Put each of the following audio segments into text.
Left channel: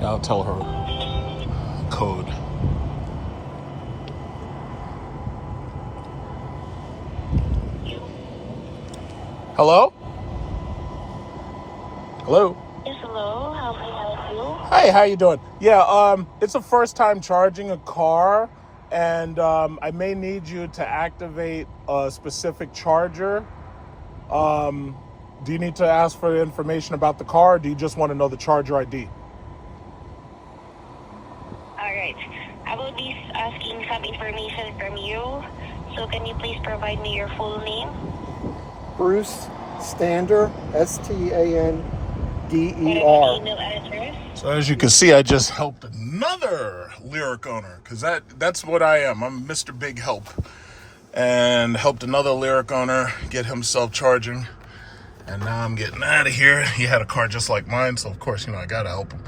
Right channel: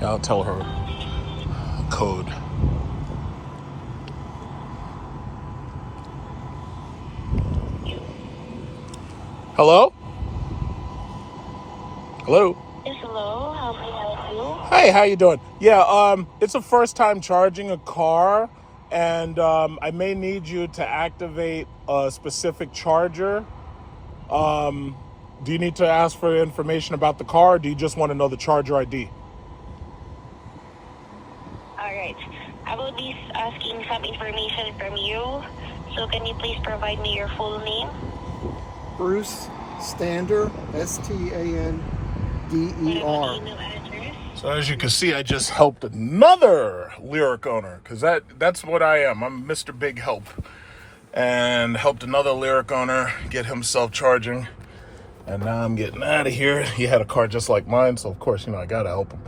Yeah, I'll tell her code. Hello? Hello? Yes, hello. How may I help you? Hey, how you doing? Yeah, it's a first time charging a car, and I may need you to activate a specific charger. Do you need to ask for information about the car, or do you just want to know the charger ID? Alright. I will be asking some information from you. So can you please provide me your full name? Bruce Stander, Stander. And an email address? So as you can see, I just helped another Lyriq owner, because that's what I am. I'm Mr. Big Help. And helped another Lyriq owner get himself charging. And now I'm getting out of here. He had a car just like mine, so of course, I gotta help him.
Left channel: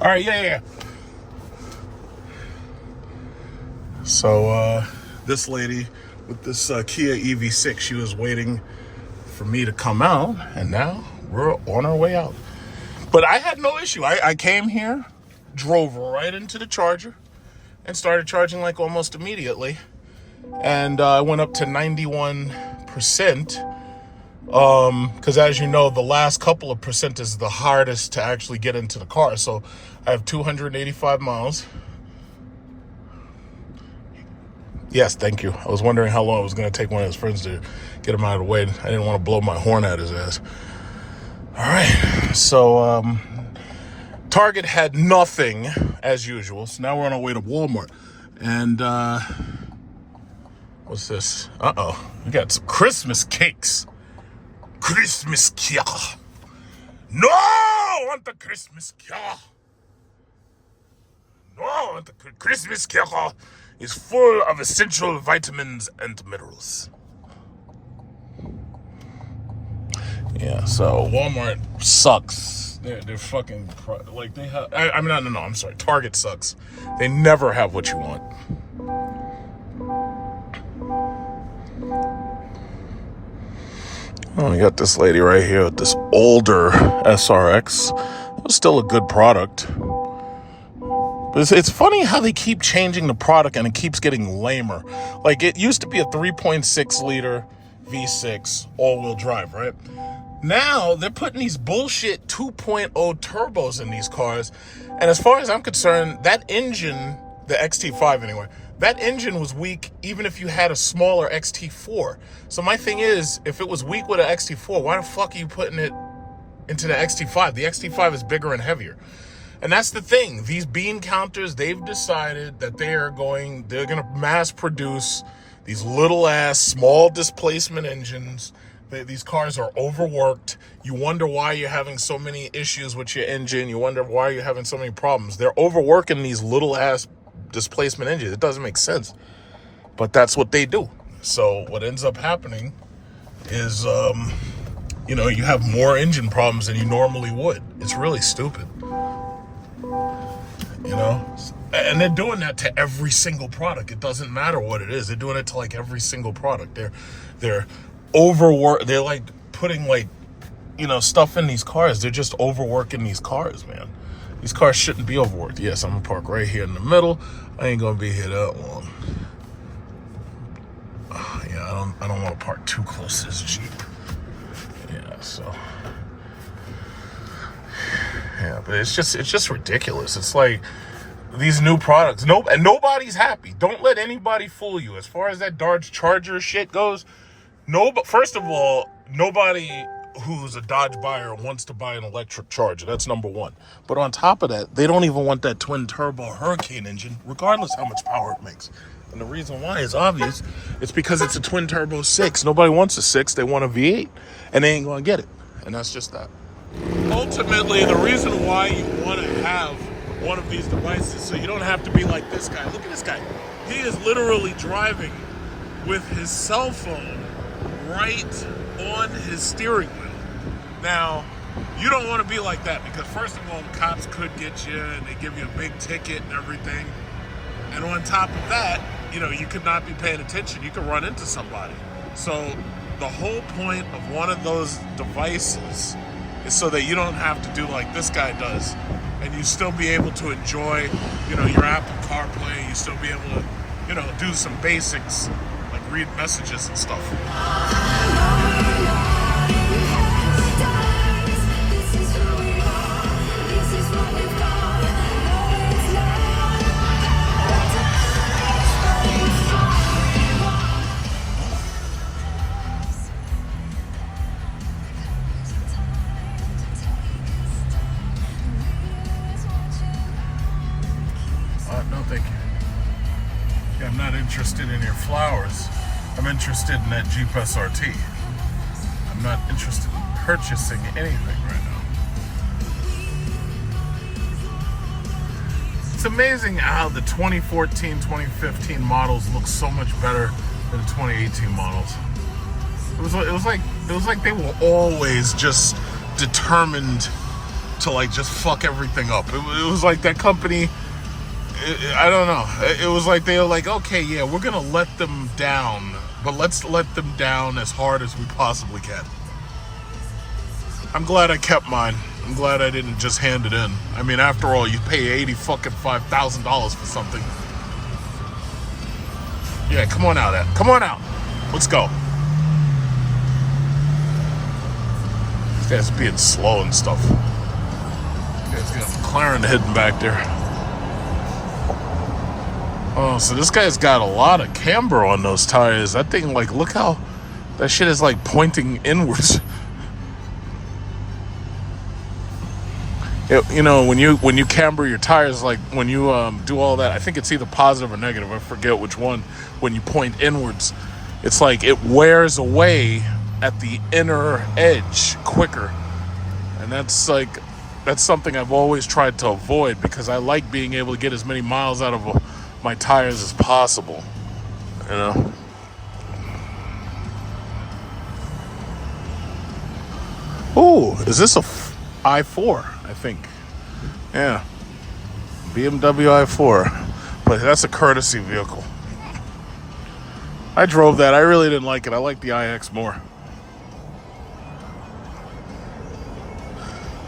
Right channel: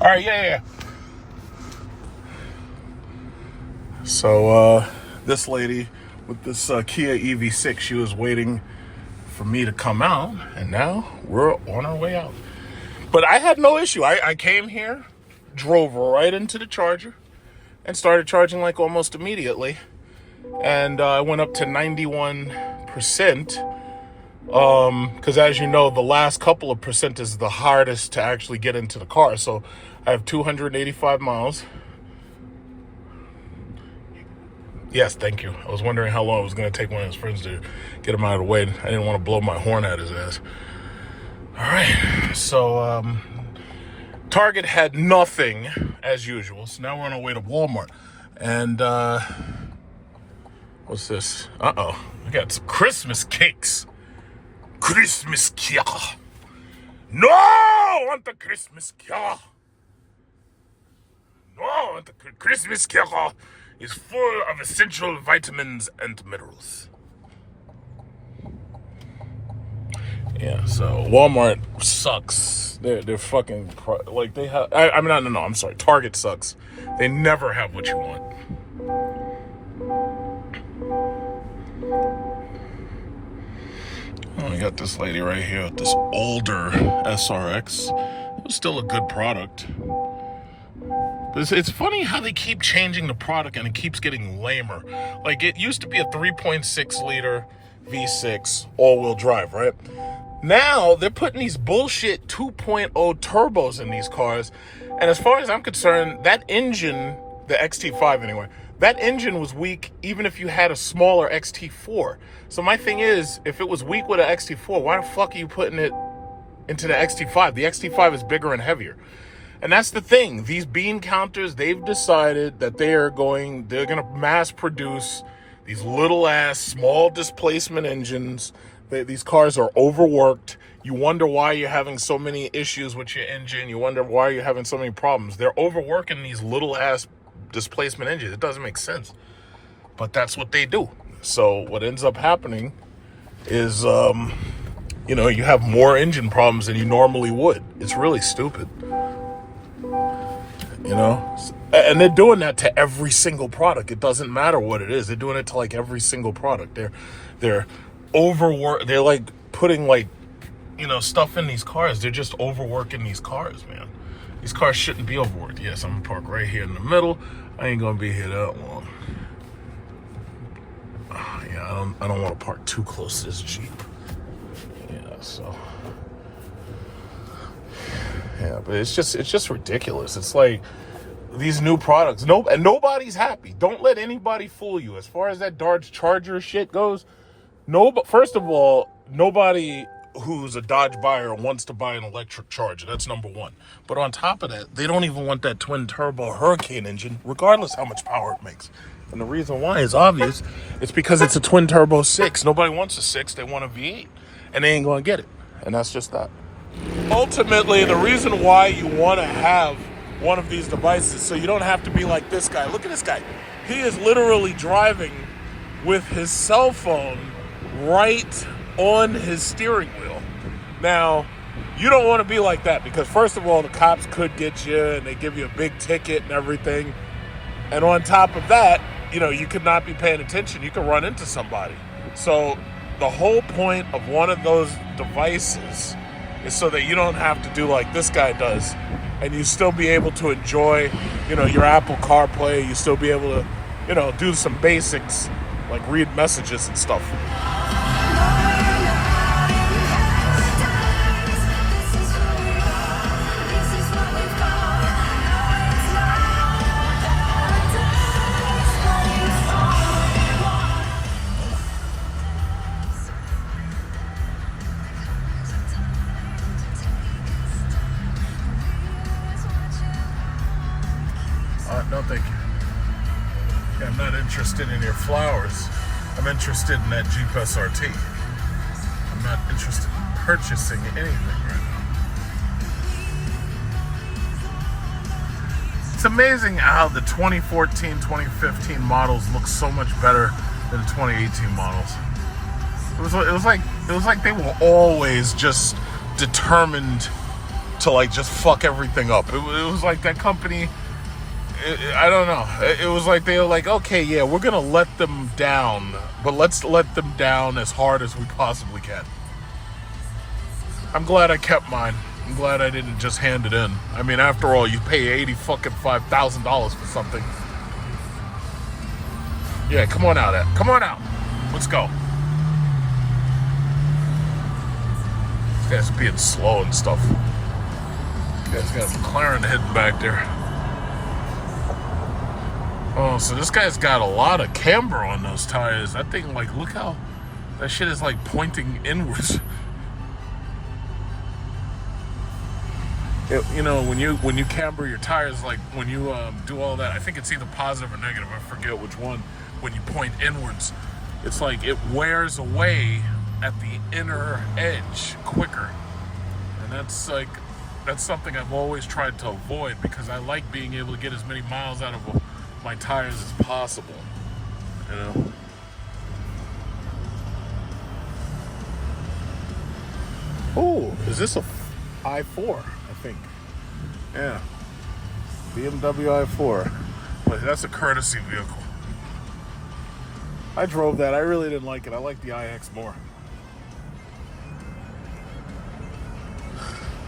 All right, yeah. So this lady with this Kia EV6, she was waiting for me to come out, and now we're on our way out. But I had no issue. I came here, drove right into the charger, and started charging like almost immediately. And I went up to 91%. Because as you know, the last couple of percent is the hardest to actually get into the car. So I have 285 miles. Yes, thank you. I was wondering how long it was going to take one of his friends to get him out of the way. I didn't want to blow my horn at his ass. All right. So Target had nothing as usual. So now we're on our way to Walmart. And what's this? Uh-oh. We got some Christmas cakes. Christmas cake. No, I want the Christmas cake. No, I want the Christmas cake. Is full of essential vitamins and minerals. Yeah, so Walmart sucks. They're fucking like they have. No. I'm sorry. Target sucks. They never have what you want. Oh, we got this lady right here with this older SRX. It's still a good product. It's funny how they keep changing the product and it keeps getting lamer. Like, it used to be a 3.6 liter V6 all-wheel drive, right? Now they're putting these bullshit 2.0 turbos in these cars. And as far as I'm concerned, that engine, the XT5 anyway, that engine was weak even if you had a smaller XT4. So my thing is, if it was weak with an XT4, why the fuck are you putting it into the XT5? The XT5 is bigger and heavier. And that's the thing. These bean counters, they've decided that they're going to mass produce these little ass small displacement engines. These cars are overworked. You wonder why you're having so many issues with your engine. You wonder why you're having so many problems. They're overworking these little ass displacement engines. It doesn't make sense. But that's what they do. So what ends up happening is, you have more engine problems than you normally would. It's really stupid. And they're doing that to every single product. It doesn't matter what it is. They're doing it to like every single product. They're overwork. They're like putting stuff in these cars. They're just overworking these cars, man. These cars shouldn't be overworked. Yes, I'm gonna park right here in the middle. I ain't gonna be here that long. I don't want to park too close to this Jeep. Yeah, so. Yeah, but it's just ridiculous. It's like these new products. And nobody's happy. Don't let anybody fool you. As far as that Dodge Charger shit goes, first of all, nobody who's a Dodge buyer wants to buy an electric Charger. That's number one. But on top of that, they don't even want that twin turbo Hurricane engine, regardless how much power it makes. And the reason why is obvious. It's because it's a twin turbo 6. Nobody wants a 6. They want a V8. And they ain't going to get it. And that's just that. Ultimately, the reason why you want to have one of these devices, so you don't have to be like this guy. Look at this guy. He is literally driving with his cell phone right on his steering wheel. Now, you don't want to be like that because, first of all, the cops could get you and they give you a big ticket and everything. And on top of that, you could not be paying attention. You could run into somebody. So the whole point of one of those devices is so that you don't have to do like this guy does, and you still be able to enjoy, your Apple CarPlay. You still be able to, do some basics like read messages and stuff. No, thank you. Yeah, I'm not interested in your flowers. I'm interested in that Jeep SRT. I'm not interested in purchasing anything right now. It's amazing how the 2014, 2015 models look so much better than the 2018 models. It was like they were always just determined to like just fuck everything up. It was like that company. I don't know. It was like they were like, okay, yeah, we're gonna let them down, but let's let them down as hard as we possibly can. I'm glad I kept mine. I'm glad I didn't just hand it in. I mean, after all, you pay $85,000 for something. Yeah, come on out, Ed. Come on out. Let's go. This guy's being slow and stuff. This guy's got a McLaren hidden back there. Oh, so this guy's got a lot of camber on those tires. That thing, like, look how that shit is like pointing inwards. When you camber your tires, like when you do all that, I think it's either positive or negative. I forget which one. When you point inwards, it's like it wears away at the inner edge quicker, and that's something I've always tried to avoid because I like being able to get as many miles out of my tires as possible, Oh, is this a i4? I think. Yeah. BMW i4. But that's a courtesy vehicle. I drove that. I really didn't like it. I like the iX more.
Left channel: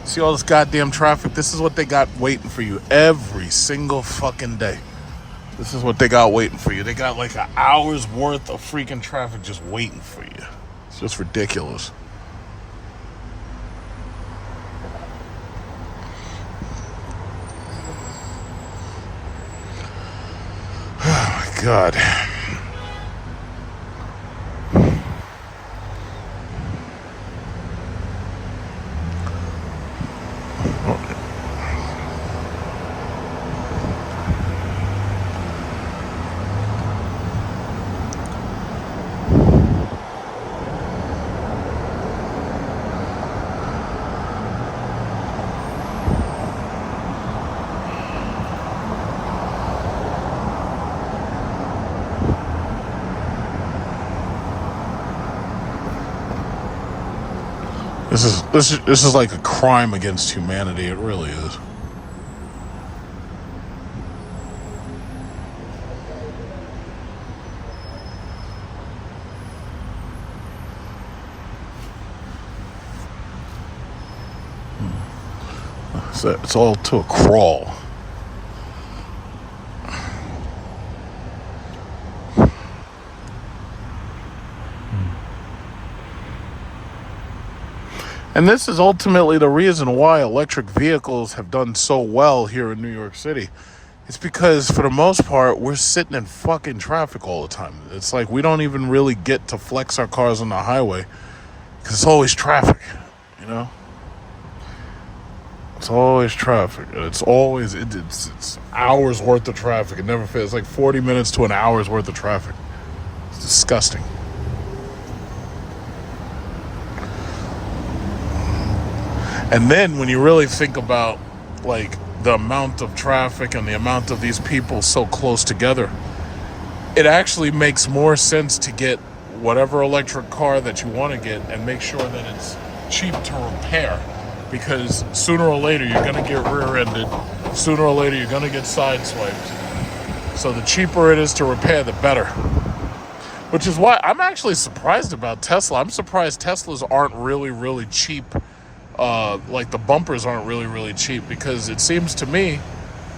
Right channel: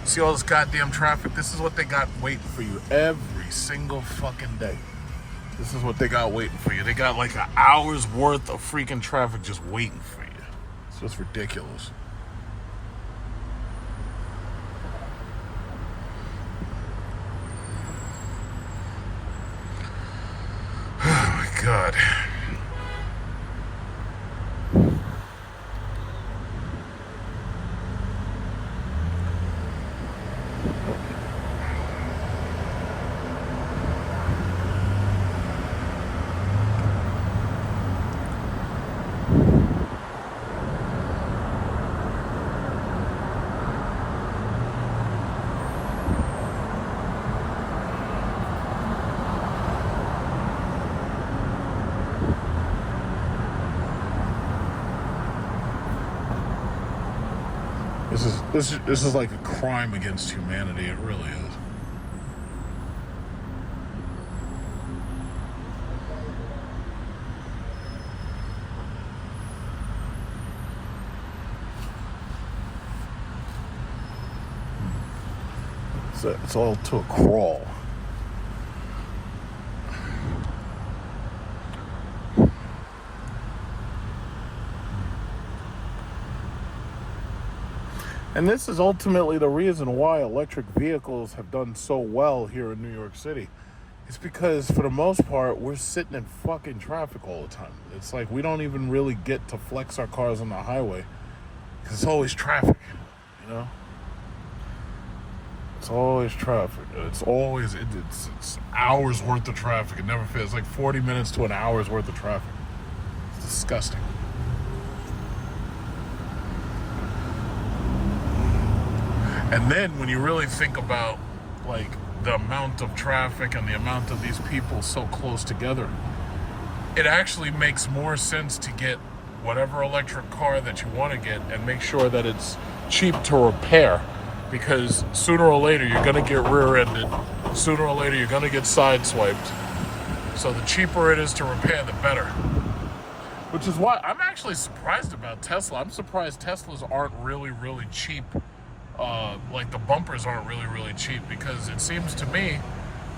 See all this goddamn traffic? This is what they got waiting for you every single fucking day. This is what they got waiting for you. They got like an hour's worth of freaking traffic just waiting for you. It's just ridiculous. Oh my God. This is like a crime against humanity. It really is. So it's all to a crawl. And this is ultimately the reason why electric vehicles have done so well here in New York City. It's because, for the most part, we're sitting in fucking traffic all the time. It's like we don't even really get to flex our cars on the highway because it's always traffic, It's always traffic. And it's always, it's hours worth of traffic. It never fails. It's like 40 minutes to an hour's worth of traffic. It's disgusting. And then when you really think about like the amount of traffic and the amount of these people so close together, it actually makes more sense to get whatever electric car that you want to get and make sure that it's cheap to repair, because sooner or later you're going to get rear-ended. Sooner or later you're going to get sideswiped. So the cheaper it is to repair, the better. Which is why I'm actually surprised about Tesla. I'm surprised Teslas aren't really, really cheap like the bumpers aren't really cheap, because it seems to me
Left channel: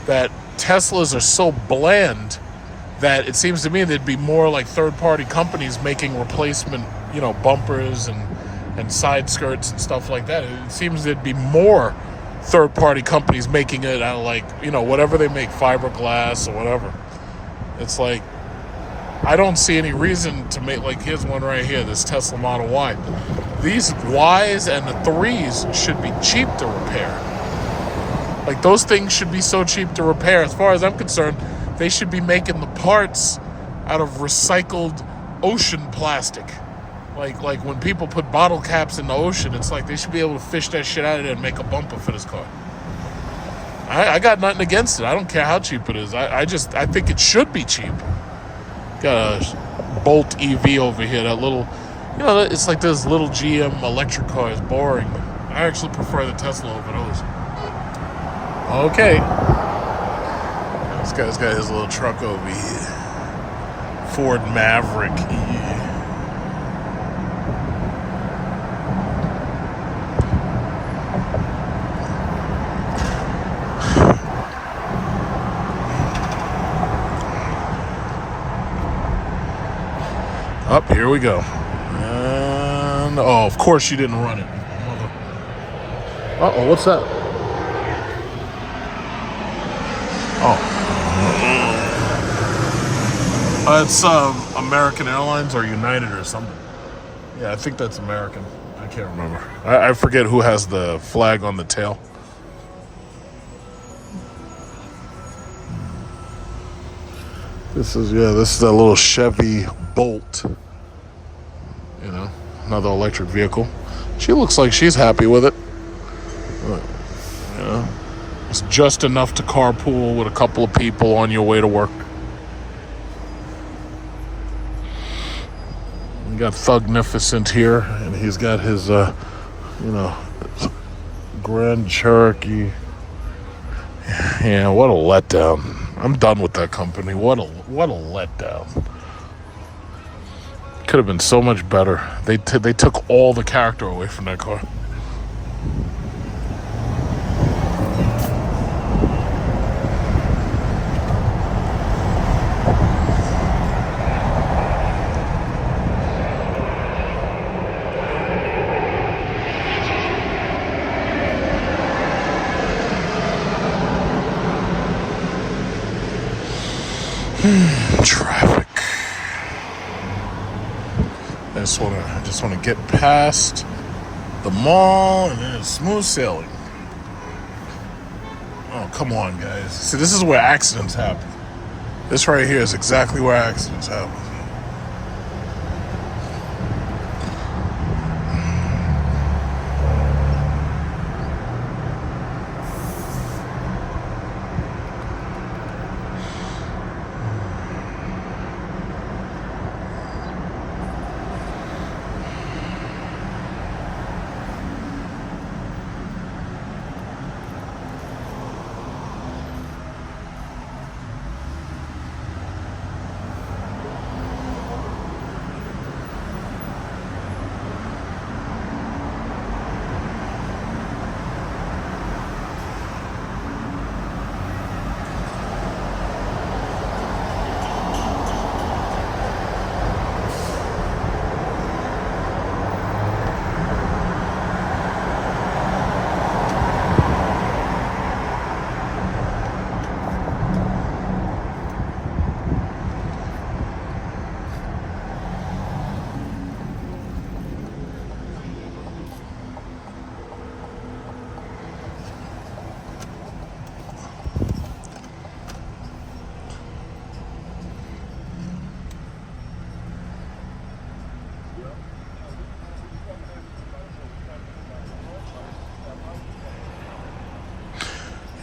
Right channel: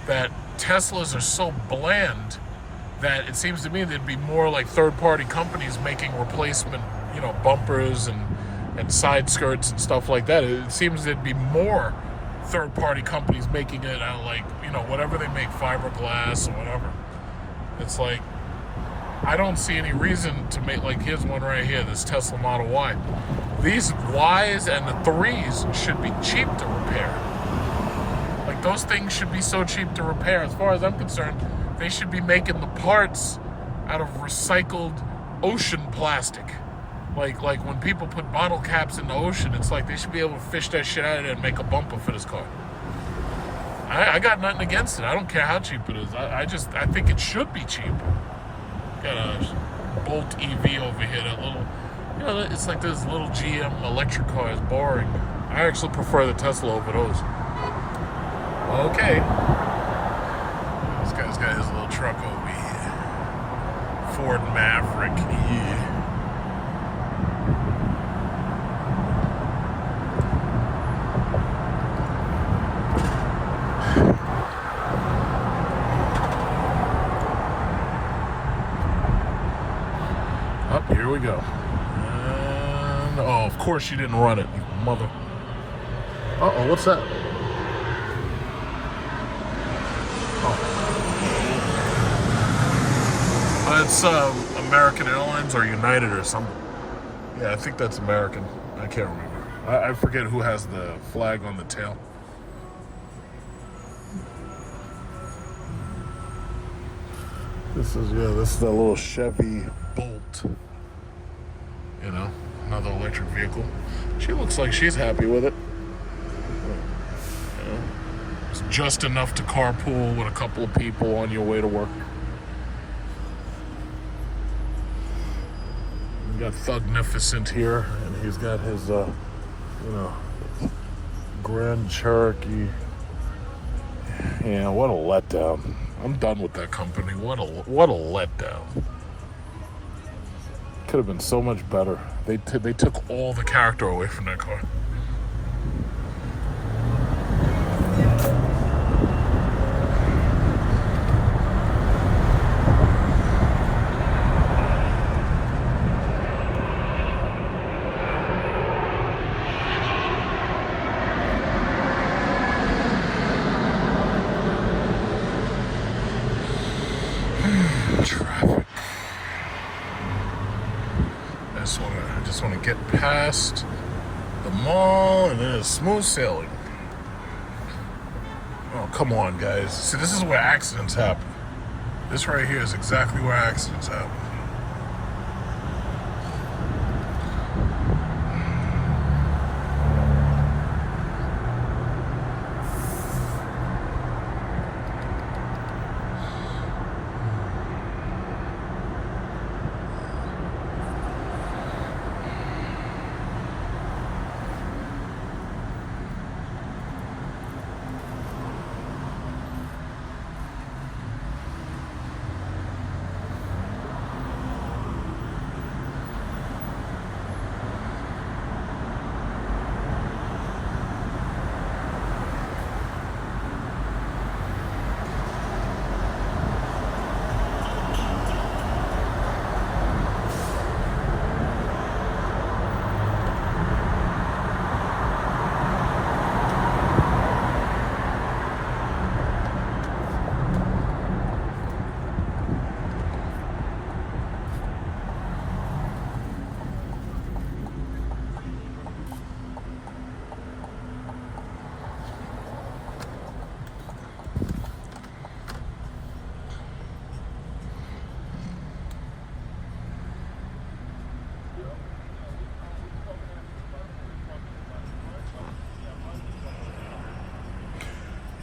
that Teslas are so bland that it seems to me there'd be more like third-party companies making replacement, bumpers and side skirts and stuff like that. It seems there'd be more third-party companies making it out of, like, whatever they make, fiberglass or whatever. It's like, I don't see any reason to make, like, here's one right here, this Tesla Model Y. These Ys and the 3s should be cheap to repair. Like, those things should be so cheap to repair. As far as I'm concerned, they should be making the parts out of recycled ocean plastic. Like when people put bottle caps in the ocean, it's like they should be able to fish that shit out of there and make a bumper for this car. I got nothing against it. I don't care how cheap it is. I think it should be cheap. Got a Bolt EV over here, that little, it's like this little GM electric car is boring. I actually prefer the Tesla over those. Okay. This guy's got his little truck over here. Ford Maverick, yeah. Up, here we go. And, of course you didn't run it, mother. Uh-oh, what's that? It's American Airlines or United or something. Yeah, I think that's American. I can't remember. I forget who has the flag on the tail. This is that little Chevy Bolt. Another electric vehicle. She looks like she's happy with it. It's just enough to carpool with a couple of people on your way to work. You got Thugnificent here, and he's got his, Grand Cherokee. Yeah, what a letdown. I'm done with that company. What a letdown. Could have been so much better. They took all the character away from that car. Traffic. I just want to get past the mall, and then it's smooth sailing. Oh, come on, guys. See, this is where accidents happen. This right here is exactly where accidents happen.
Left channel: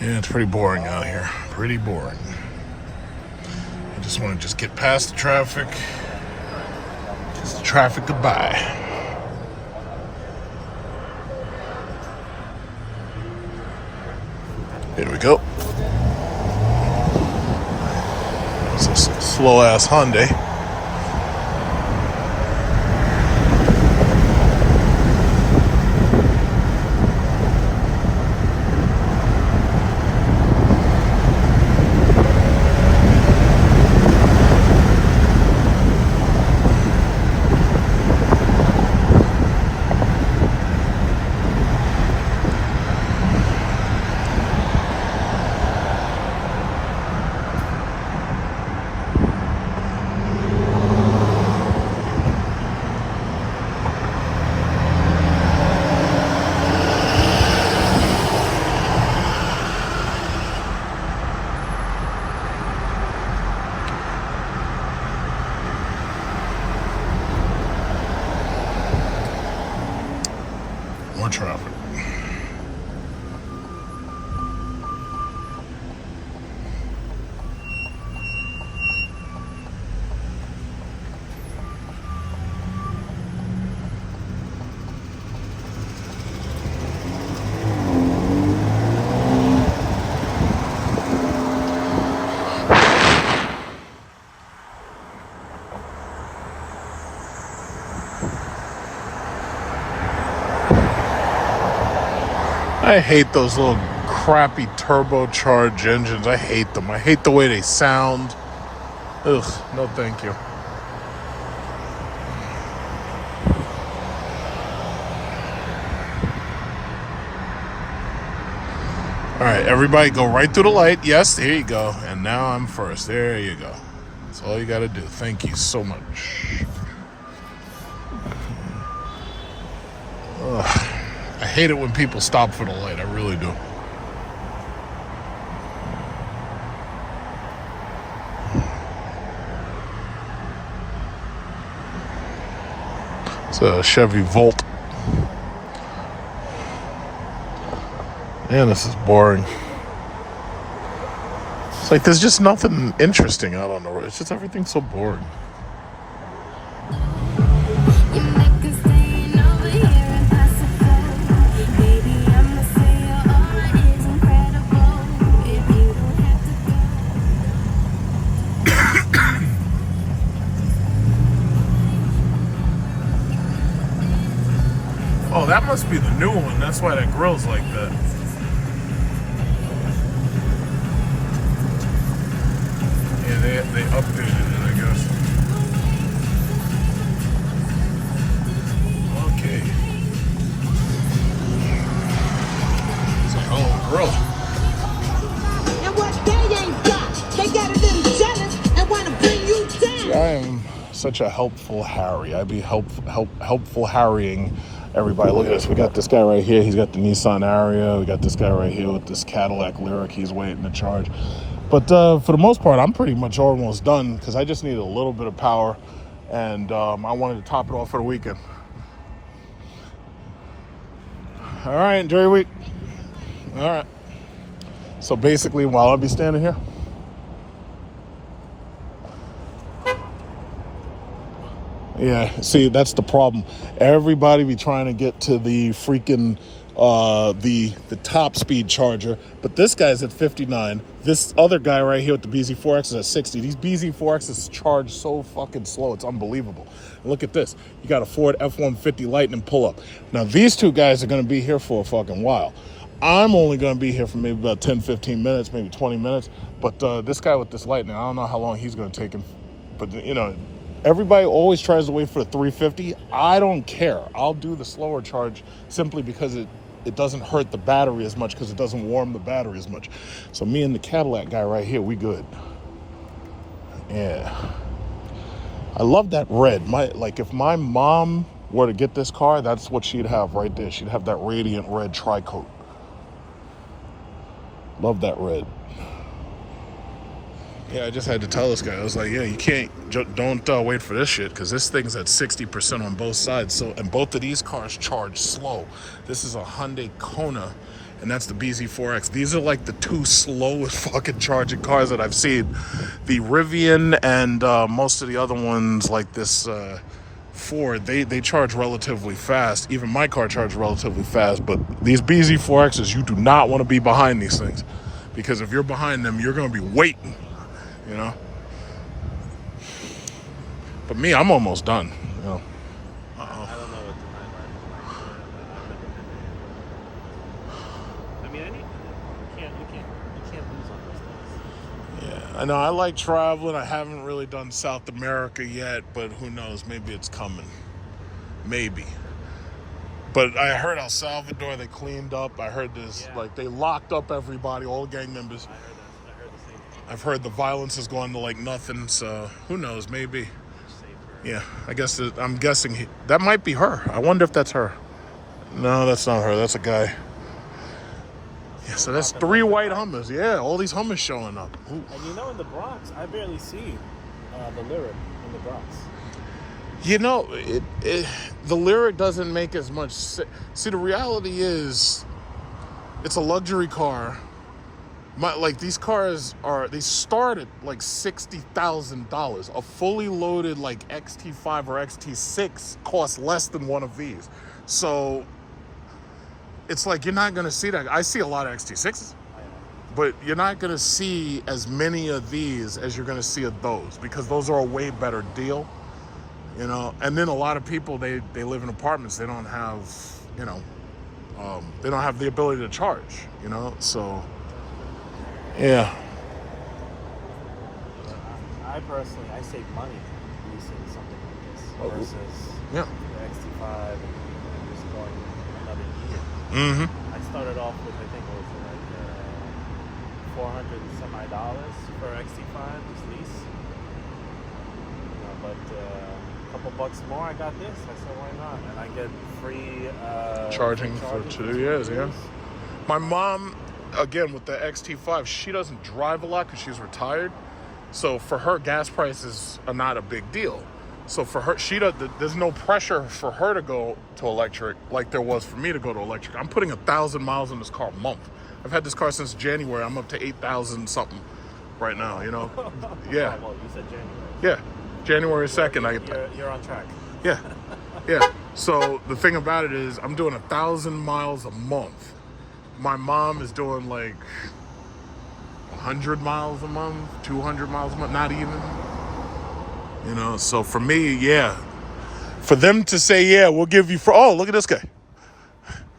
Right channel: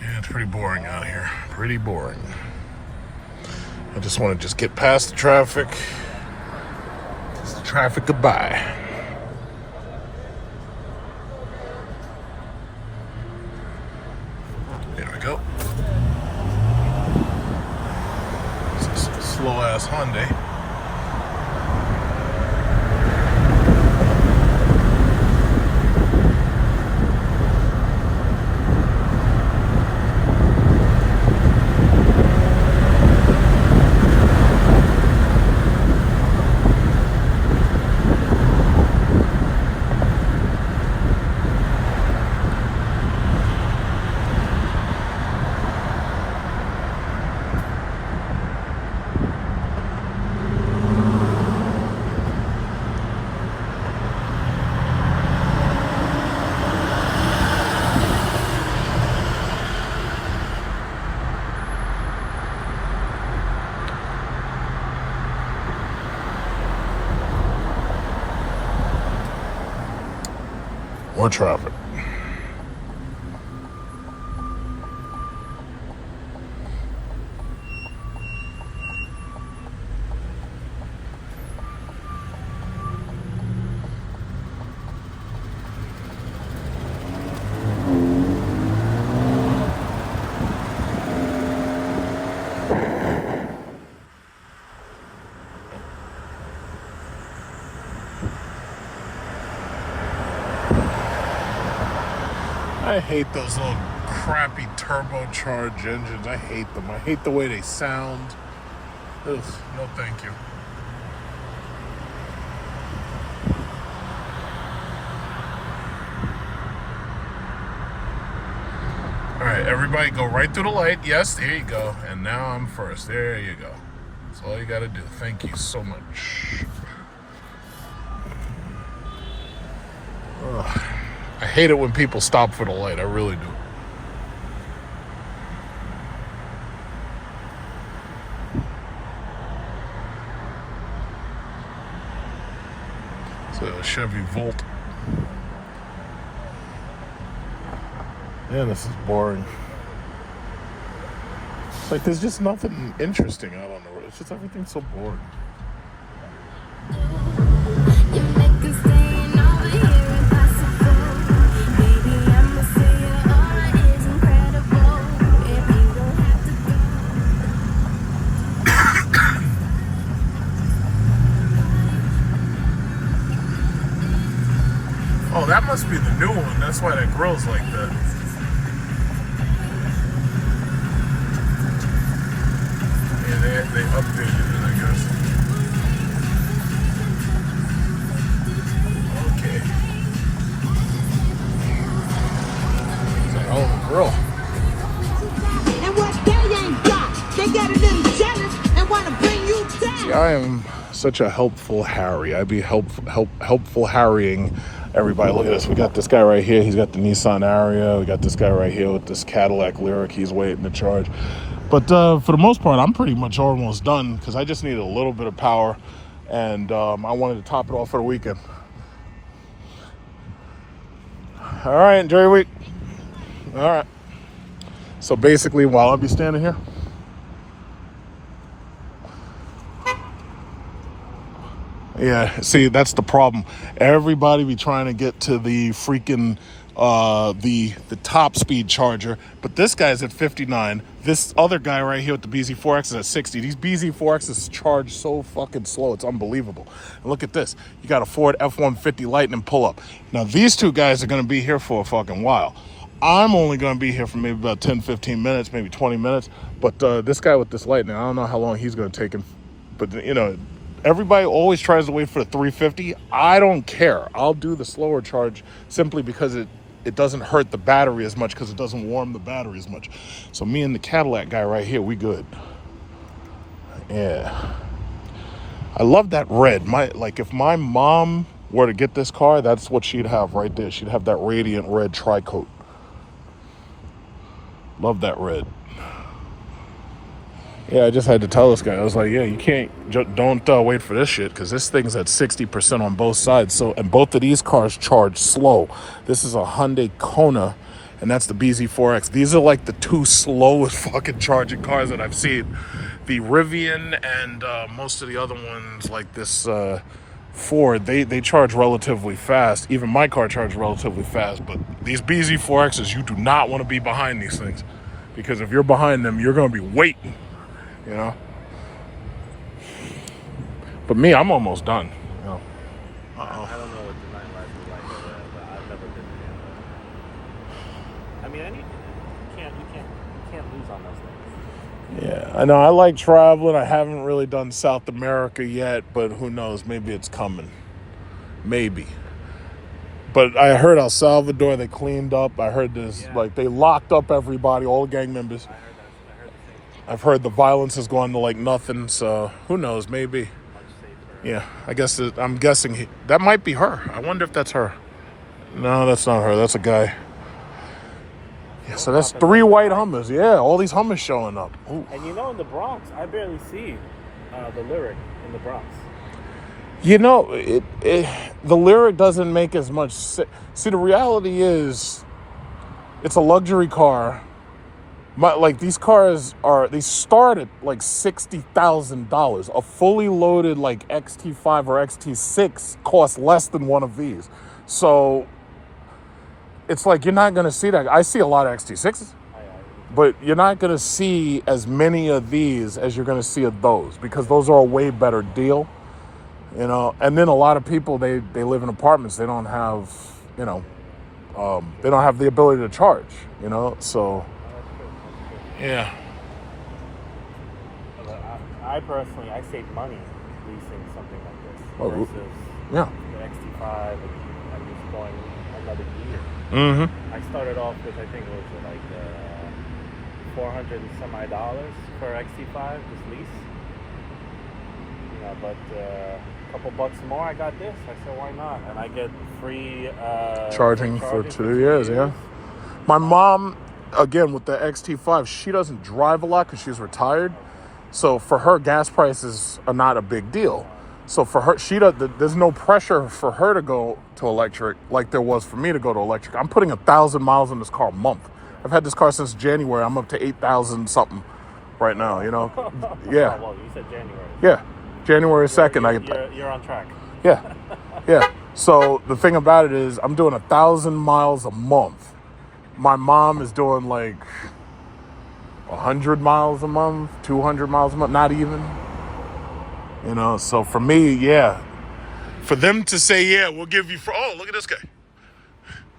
Yeah, it's pretty boring out here. Pretty boring. I just want to get past the traffic. Just the traffic goodbye. Here we go. It's a slow-ass Hyundai. More traffic. I hate those little crappy turbocharged engines. I hate them. I hate the way they sound. Ugh, no thank you. All right, everybody go right through the light. Yes, there you go. And now I'm first. There you go. That's all you got to do. Thank you so much. Ugh. I hate it when people stop for the light. I really do. It's a Chevy Volt. Man, this is boring. It's like there's just nothing interesting out on the road. It's just everything's so boring. Oh, that must be the new one. That's why that grill's like that. Yeah, they updated it, I guess. Okay. It's like, oh, grill. And what they ain't got, they got it in jealous and want to bring you down. Yeah, I am such a helpful Harry. I'd be helpful harrying everybody. Look at this. We got this guy right here. He's got the Nissan Ariya. We got this guy right here with this Cadillac Lyriq. He's waiting to charge. But for the most part, I'm pretty much almost done because I just needed a little bit of power, and I wanted to top it off for the weekend. All right, enjoy your week. All right. So basically, while I'll be standing here, yeah, see, that's the problem. Everybody be trying to get to the freaking the top speed charger, but this guy's at 59. This other guy right here with the BZ4X is at 60. These BZ4Xs charge so fucking slow, it's unbelievable. And look at this. You got a Ford F-150 Lightning pull-up. Now, these two guys are going to be here for a fucking while. I'm only going to be here for maybe about 10, 15 minutes, maybe 20 minutes. But this guy with this Lightning, I don't know how long he's going to take him. But, you know, everybody always tries to wait for the 350. I don't care. I'll do the slower charge simply because it doesn't hurt the battery as much, because it doesn't warm the battery as much. So me and the Cadillac guy right here, we good. Yeah. I love that red. Like if my mom were to get this car, that's what she'd have right there. She'd have that radiant red tri-coat. Love that red. Yeah, I just had to tell this guy. I was like, yeah, you don't wait for this shit, because this thing's at 60% on both sides. So, and both of these cars charge slow. This is a Hyundai Kona, and that's the BZ4X. These are like the two slowest fucking charging cars that I've seen. The Rivian and most of the other ones, like this Ford, they charge relatively fast. Even my car charges relatively fast, but these BZ4Xs, you do not want to be behind these things, because if you're behind them, you're going to be waiting. You know, but me, I'm almost done. You know. Yeah, I know. I like traveling. I haven't really done South America yet, but who knows? Maybe it's coming. Maybe. But I heard El Salvador, they cleaned up. I heard this, like, they locked up everybody, all the gang members. I've heard the violence has gone to like nothing, so who knows, maybe. Yeah, I guess I'm guessing that might be her. I wonder if that's her. No, that's not her. That's a guy. Yeah, so that's 3 white Hummers. Yeah, all these Hummers showing up. Ooh. And you know, in the Bronx, I barely see the Lyriq in the Bronx. You know, the Lyriq doesn't make as much See, the reality is, it's a luxury car. Like, these cars they start at like $60,000. A fully loaded like XT5 or XT6 costs less than one of these. So it's like, you're not gonna see that. I see a lot of XT6s, but you're not gonna see as many of these as you're gonna see of those, because those are a way better deal, you know. And then a lot of people, they live in apartments. They don't have, you know, they don't have the ability to charge, you know. So yeah. I personally, I save money leasing something like this versus Yeah. the XT5 and just going another year. Mm-hmm. I started off with, I think it was like $400 and some odd dollars for XT5, just lease. But a couple bucks more, I got this. I said, why not? And I get free Charging for 2 years, yeah. My mom, again, with the XT5, she doesn't drive a lot because she's retired. So for her, gas prices are not a big deal. So for her, there's no pressure for her to go to electric like there was for me to go to electric. I'm putting 1,000 miles on this car a month. I've had this car since January. I'm up to 8,000 something right now, you know? Yeah. Well, you said January. Yeah. January 2nd. You're on track. Yeah. Yeah. So the thing about it is, I'm doing 1,000 miles a month. My mom is doing like 100 miles a month, 200 miles a month, not even. You know, so for me, yeah. For them to say, yeah, we'll give you oh, look at this guy.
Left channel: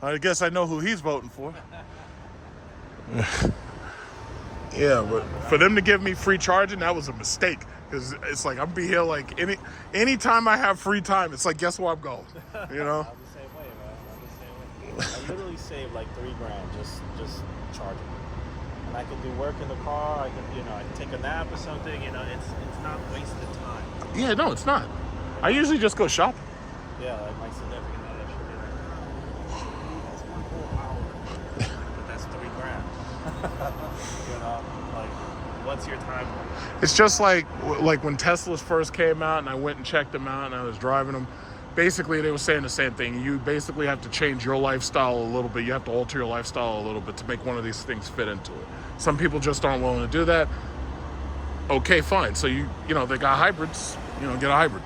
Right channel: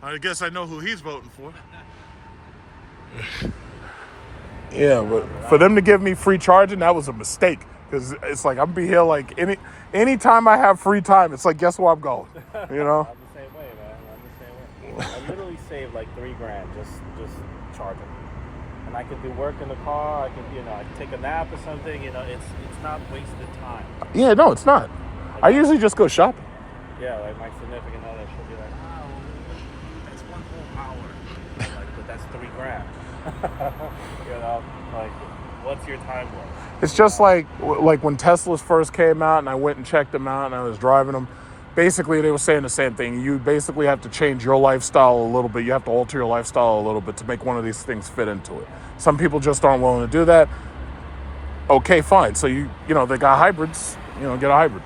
I guess I know who he's voting for. Yeah, but for them to give me free charging, that was a mistake. Because it's like, I'm be here like any time I have free time, it's like, guess where I'm going, you know? I'm the same way, man. I'm the same way. I literally saved like $3,000 just charging. And I could do work in the car. I could, you know, I could take a nap or something. You know, it's not wasted time. Yeah, no, it's not. I usually just go shopping. Yeah, like my significant other should be like, oh, that's one whole hour. But that's $3,000. You know, like, what's your time worth? It's just like when Teslas first came out and I went and checked them out and I was driving them. Basically, they were saying the same thing. You basically have to change your lifestyle a little bit. You have to alter your lifestyle a little bit to make one of these things fit into it. Some people just aren't willing to do that. Okay, fine. So you know, they got hybrids. You know, get a hybrid.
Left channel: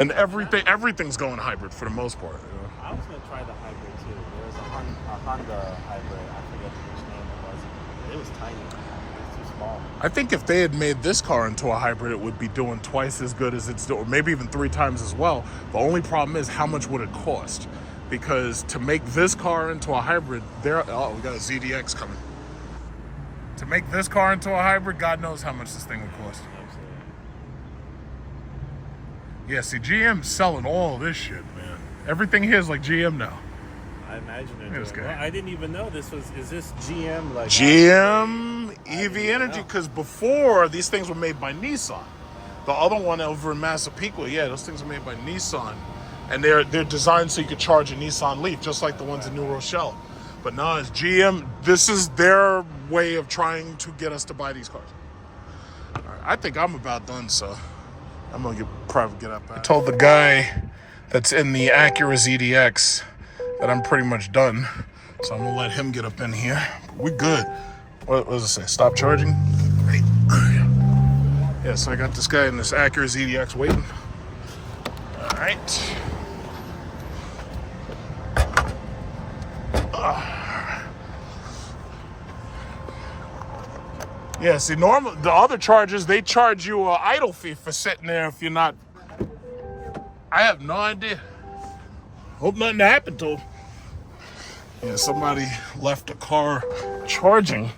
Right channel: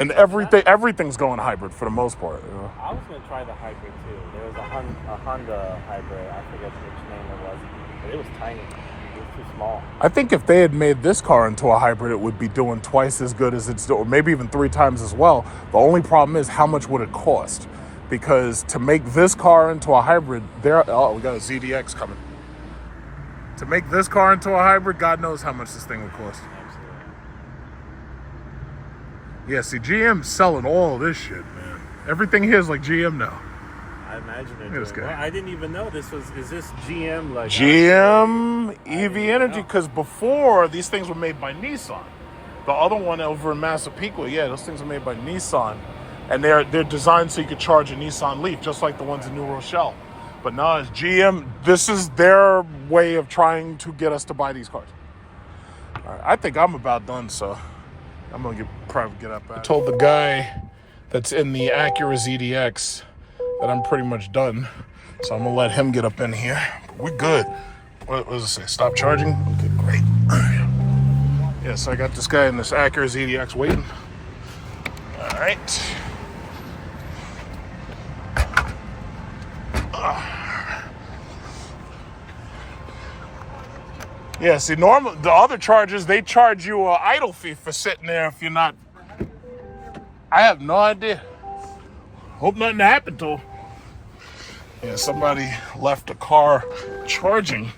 And everything's going hybrid for the most part. You know? I was going to try the hybrid too. There was a Honda hybrid. I forget which name it was. But it was tiny. It was too small. I think if they had made this car into a hybrid, it would be doing twice as good as it's doing, maybe even 3 times as well. The only problem is, how much would it cost? Because to make this car into a hybrid, we got a ZDX coming. To make this car into a hybrid, God knows how much this thing would cost. Absolutely. Yeah, see, GM's selling all this shit, man. Everything here is like GM now. I imagine it. This guy. I didn't even know is this GM? Like GM EV Energy, because before, these things were made by Nissan. The other one over in Massapequa, yeah, those things were made by Nissan. And they're designed so you could charge a Nissan Leaf, just like the ones in New Rochelle. But no, it's GM. This is their way of trying to get us to buy these cars. All right, I think I'm about done, so I'm going to probably get up. I told the guy that's in the Acura ZDX that I'm pretty much done. So I'm going to let him get up in here. But we're good. What does it say? Stop charging? Great. Yeah, so I got this guy in this Acura ZDX waiting. All right. Yeah, see, normal the other chargers, they charge you an idle fee for sitting there if you're not. I have no idea. Hope nothing happened to them. Yeah, somebody left the car charging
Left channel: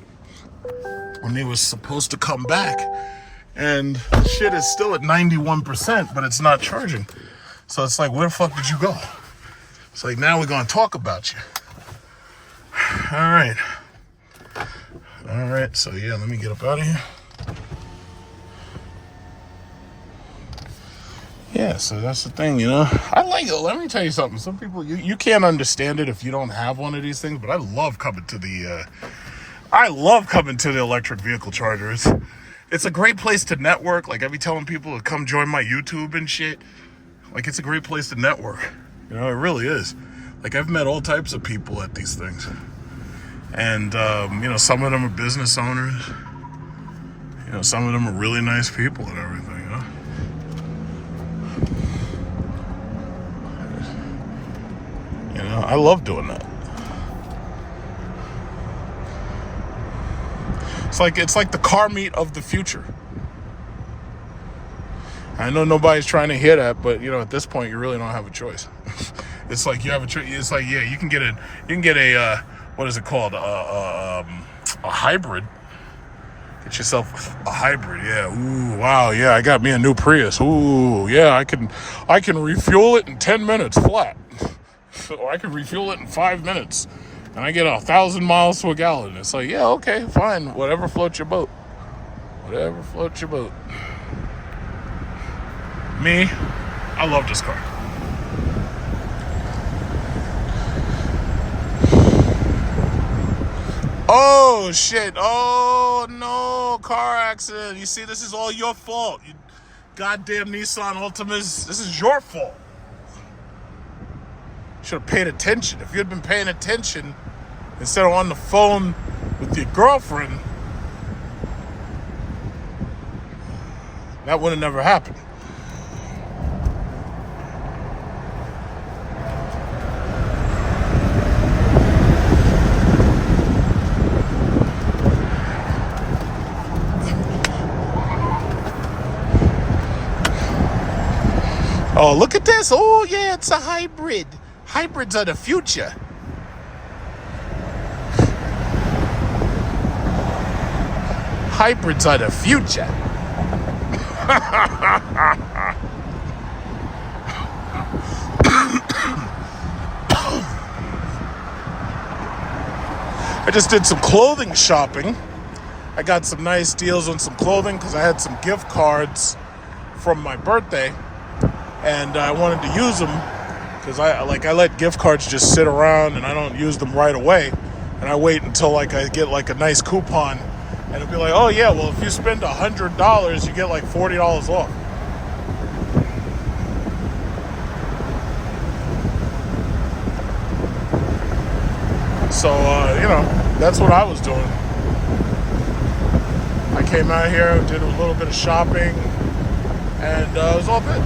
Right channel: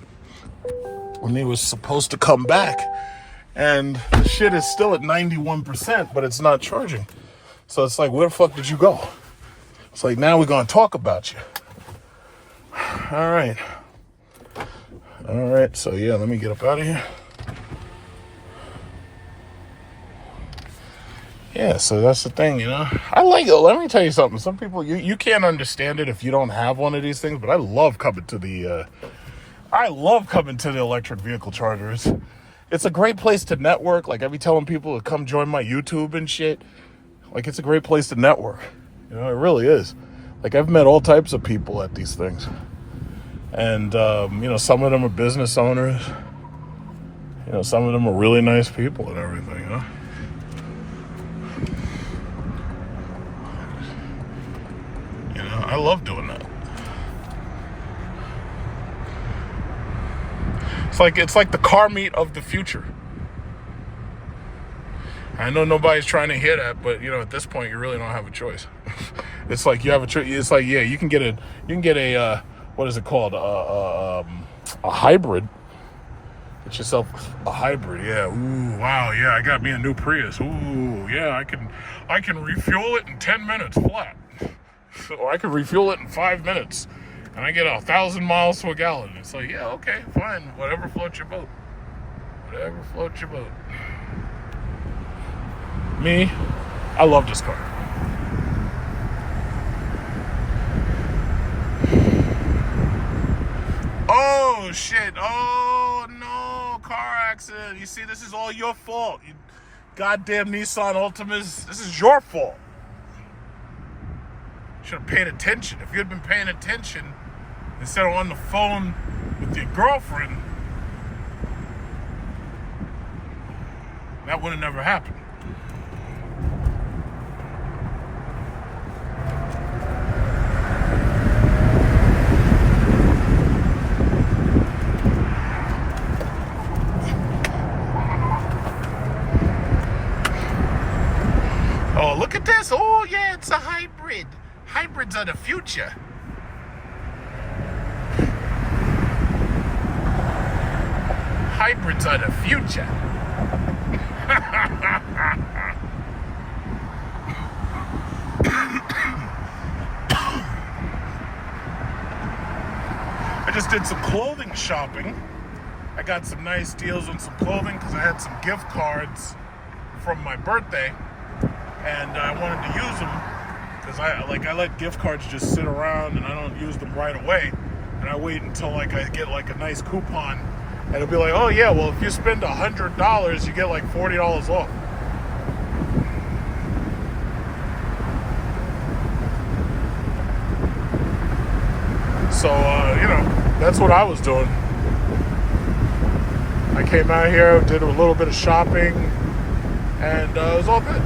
when they was supposed to come back, and shit is still at 91%, but it's not charging. So it's like, where the fuck did you go? It's like, now we're gonna talk about you. All right, so yeah, let me get up out of here. Yeah, so that's the thing, you know. I like it. Let me tell you something. Some people, you can't understand it if you don't have one of these things, but I love coming to the electric vehicle chargers. It's a great place to network. Like, I be telling people to come join my YouTube and shit. Like, it's a great place to network. You know, it really is. Like, I've met all types of people at these things. And, you know, some of them are business owners. You know, some of them are really nice people and everything, you know? You know, I love doing that. It's like the car meet of the future. I know nobody's trying to hear that, but you know, at this point, you really don't have a choice. It's like you have a choice. It's like, yeah, you can get a what is it called? A hybrid. Get yourself a hybrid. Yeah. Ooh, wow. Yeah, I got me a new Prius. Ooh, yeah, I can refuel it in 10 minutes flat. Or I can refuel it in 5 minutes. And I get 1,000 miles to a gallon. It's like, yeah, okay, fine. Whatever floats your boat. Whatever floats your boat. Me, I love this car. Oh, shit. Oh, no. Car accident. You see, this is all your fault. You goddamn Nissan Altimas. This is your fault. Should have paid attention. If you had been paying attention instead of on the phone with your girlfriend, that would have never happened. Oh, look at this. Oh, yeah, it's a hybrid. Hybrids are the future. Hybrids are the future. I just did some clothing shopping. I got some nice deals on some clothing because I had some gift cards from my birthday. And I wanted to use them because I let gift cards just sit around and I don't use them right away. And I wait until I get a nice coupon, and it'll be like, oh yeah, well if you spend $100, you get like $40 off. So you know, that's what I was doing. I came out here, did a little bit of shopping, and it was all good.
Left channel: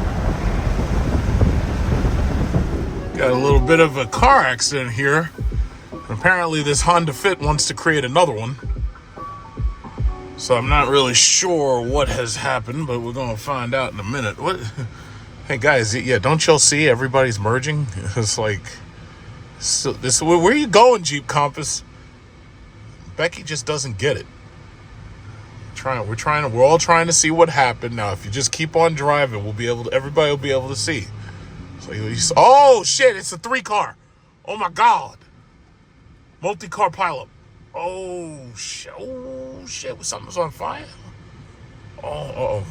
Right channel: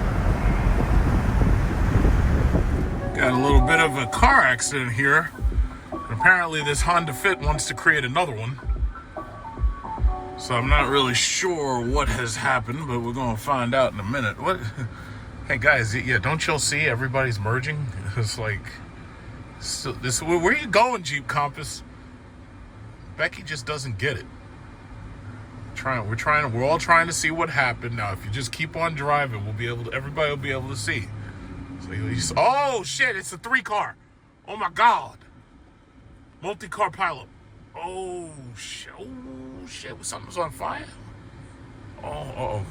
Got a little bit of a car accident here. Apparently this Honda Fit wants to create another one. So I'm not really sure what has happened, but we're going to find out in a minute. What? Hey guys, yeah, don't y'all see everybody's merging? It's like, so this, where are you going, Jeep Compass? Becky just doesn't get it. We're all trying to see what happened. Now, if you just keep on driving, everybody will be able to see. So oh shit, it's a 3-car. Oh my God. Multi-car pileup. Oh shit, something's on fire. Oh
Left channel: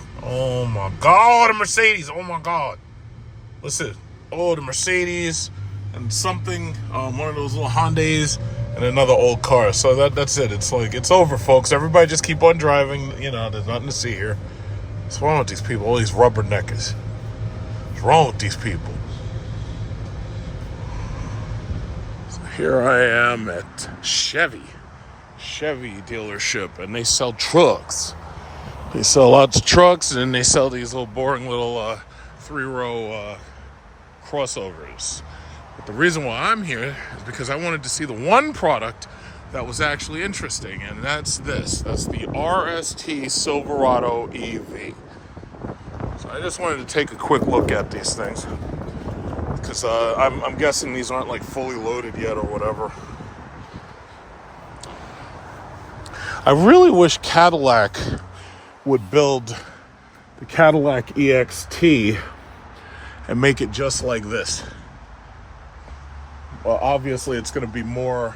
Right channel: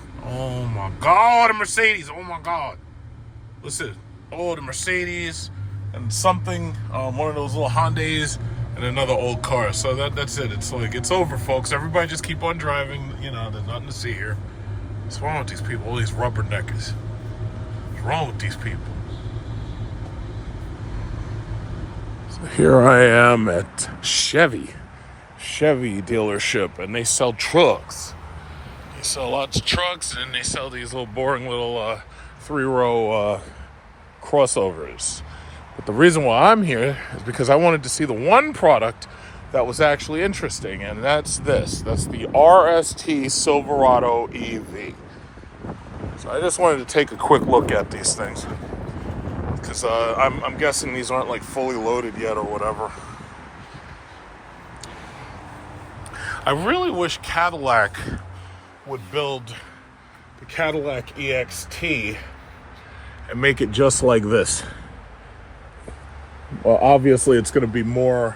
my God, the Mercedes. Oh my God. Listen, the Mercedes and something, one of those little Hondas and another old car. So that's it. It's like, it's over, folks. Everybody just keep on driving. You know, there's nothing to see here. What's wrong with these people? All these rubberneckers. What's wrong with these people? Here I am at Chevy dealership, and they sell trucks. They sell lots of trucks, and they sell these little boring little 3-row crossovers. But the reason why I'm here is because I wanted to see the one product that was actually interesting, and that's this. That's the RST Silverado EV. So I just wanted to take a quick look at these things, because I'm guessing these aren't like fully loaded yet or whatever. I really wish Cadillac would build the Cadillac EXT and make it just like this. Well, obviously it's going to be more,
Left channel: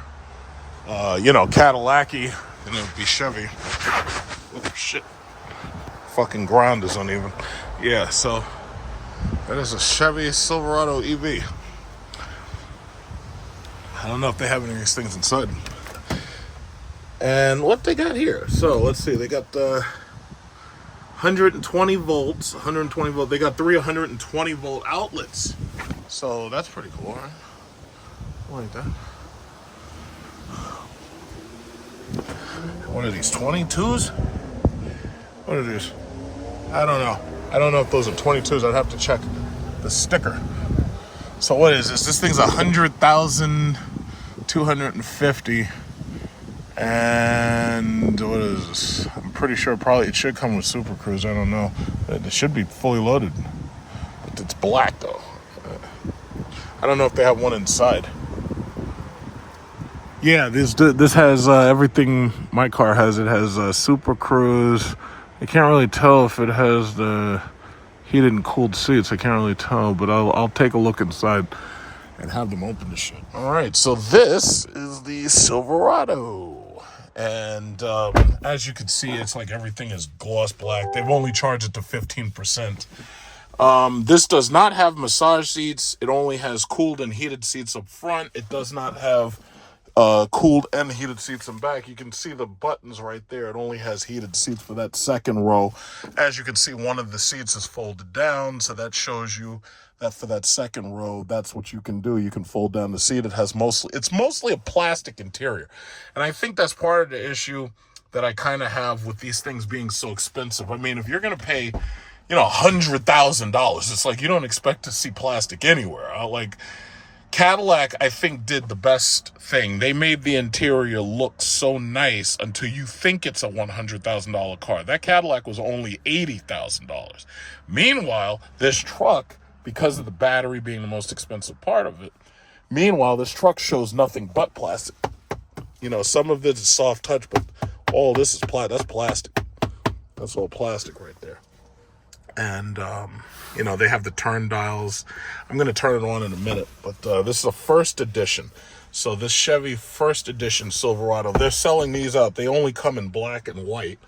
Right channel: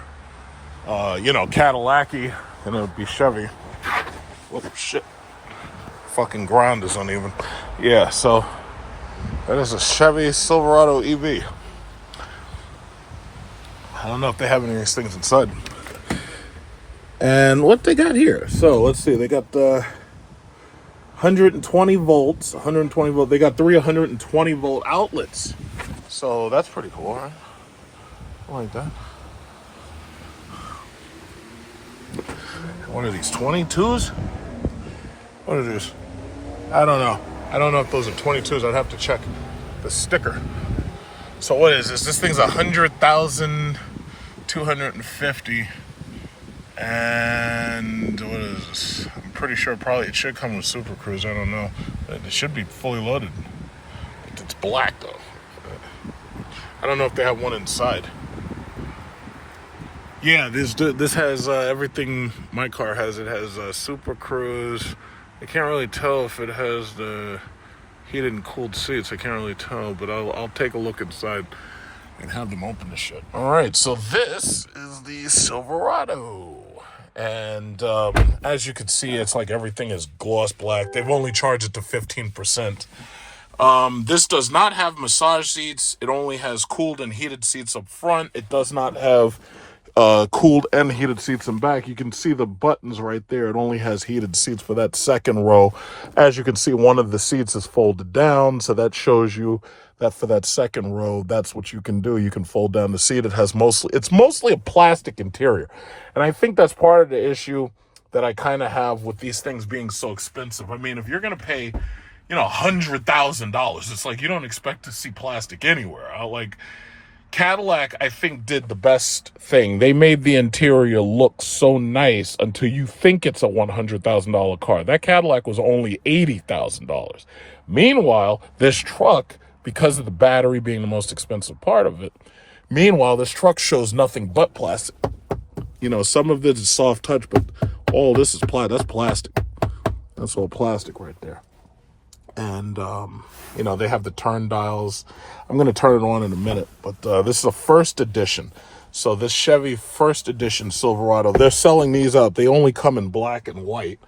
Cadillac-y than it would be Chevy. Oh, shit. Fucking ground is uneven. Yeah, so that is a Chevy Silverado EV. I don't know if they have any of these things inside. And what they got here. So let's see. They got the 120 volts, 120 volt. They got 3 120 volt outlets. So that's pretty cool, right? I like that. One of these 22s? What are these? I don't know. I don't know if those are 22s. I'd have to check the sticker. So what is this? This thing's 100,250. And what is this? I'm pretty sure probably it should come with Super Cruise. I don't know. It should be fully loaded. But it's black though. I don't know if they have one inside. Yeah, this has everything my car has. It has Super Cruise. I can't really tell if it has the heated and cooled seats. I can't really tell, but I'll take a look inside and have them open the shit. All right, so this is the Silverado. And as you can see, it's like everything is gloss black. They've only charged it to 15%. This does not have massage seats. It only has cooled and heated seats up front. It does not have cooled and heated seats in back. You can see the buttons right there. It only has heated seats for that second row. As you can see, one of the seats is folded down, so that shows you that for that second row, that's what you can do. You can fold down the seat. It's mostly a plastic interior. And I think that's part of the issue that I kind of have with these things being so expensive. I mean, if you're going to pay, $100,000, it's like you don't expect to see plastic anywhere. Like Cadillac, I think, did the best thing. They made the interior look so nice until you think it's a $100,000 car. That Cadillac was only $80,000. Meanwhile, this truck, because of the battery being the most expensive part of it, this truck shows nothing but plastic. Some of it is soft touch, but all this is plastic. That's plastic. That's all plastic right there. And, they have the turn dials. I'm going to turn it on in a minute, but this is a first edition. So this Chevy first edition Silverado, they're selling these out. They only come in black and white.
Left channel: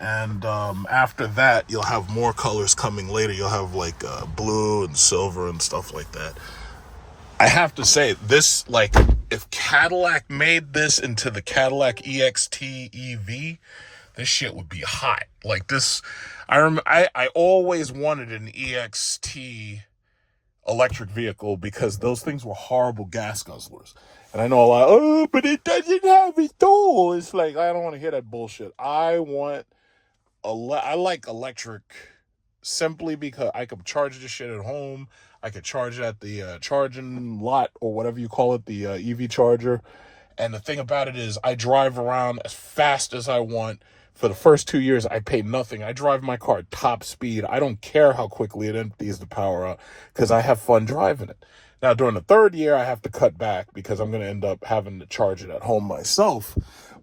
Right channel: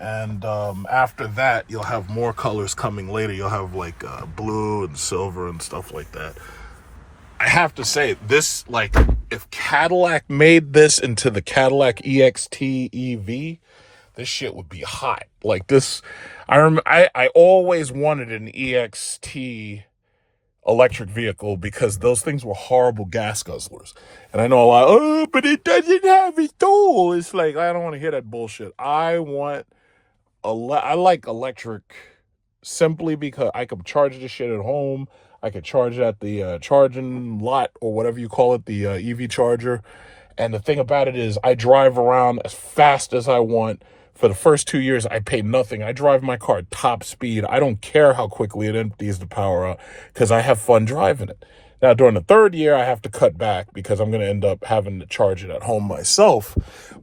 And after that, you'll have more colors coming later. You'll have like blue and silver and stuff like that. I have to say, this, if Cadillac made this into the Cadillac EXT EV, this shit would be hot. Like this, I always wanted an EXT electric vehicle because those things were horrible gas guzzlers. And I know a lot, but it doesn't have a tool. It's like, I don't want to hear that bullshit. I like electric simply because I could charge this shit at home. I could charge it at the charging lot or whatever you call it, the EV charger. And the thing about it is I drive around as fast as I want. For the first 2 years, I pay nothing. I drive my car at top speed. I don't care how quickly it empties the power out because I have fun driving it. Now, during the third year, I have to cut back because I'm going to end up having to charge it at home myself.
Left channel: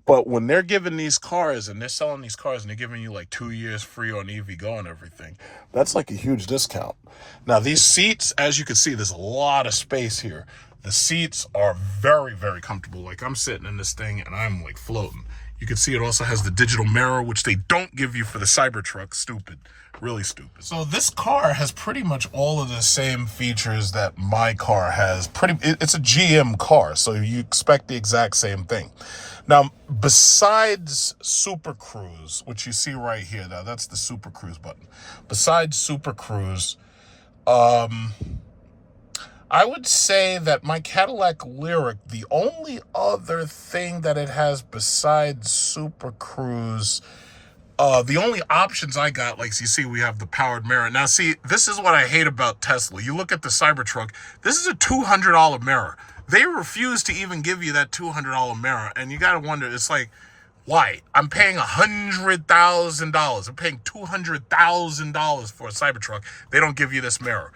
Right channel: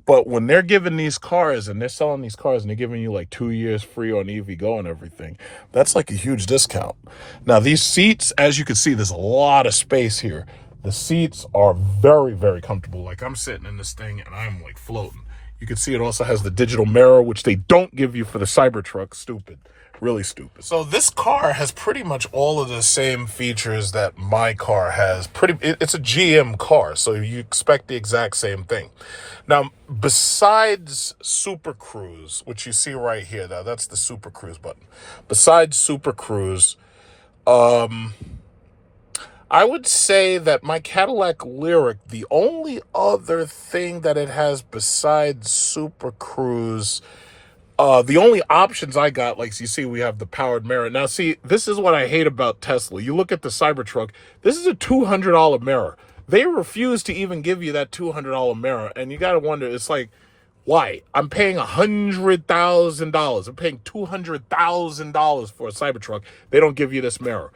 But when they're giving these cars and they're selling these cars and they're giving you like 2 years free on EV Go and everything, that's like a huge discount. Now, these seats, as you can see, there's a lot of space here. The seats are very, very comfortable. Like I'm sitting in this thing and I'm like floating. You can see it also has the digital mirror, which they don't give you for the Cybertruck. Stupid. Really stupid. So this car has pretty much all of the same features that my car has. It's a GM car, so you expect the exact same thing. Now, besides Super Cruise, which you see right here, now that's the Super Cruise button. Besides Super Cruise, I would say that my Cadillac Lyriq, the only other thing that it has besides Super Cruise, the only options I got, like you see, we have the powered mirror. Now, see, this is what I hate about Tesla. You look at the Cybertruck, this is a $200 mirror. They refuse to even give you that $200 mirror, and you got to wonder, it's like, why? I'm paying $100,000. I'm paying $200,000 for a Cybertruck. They don't give you this mirror.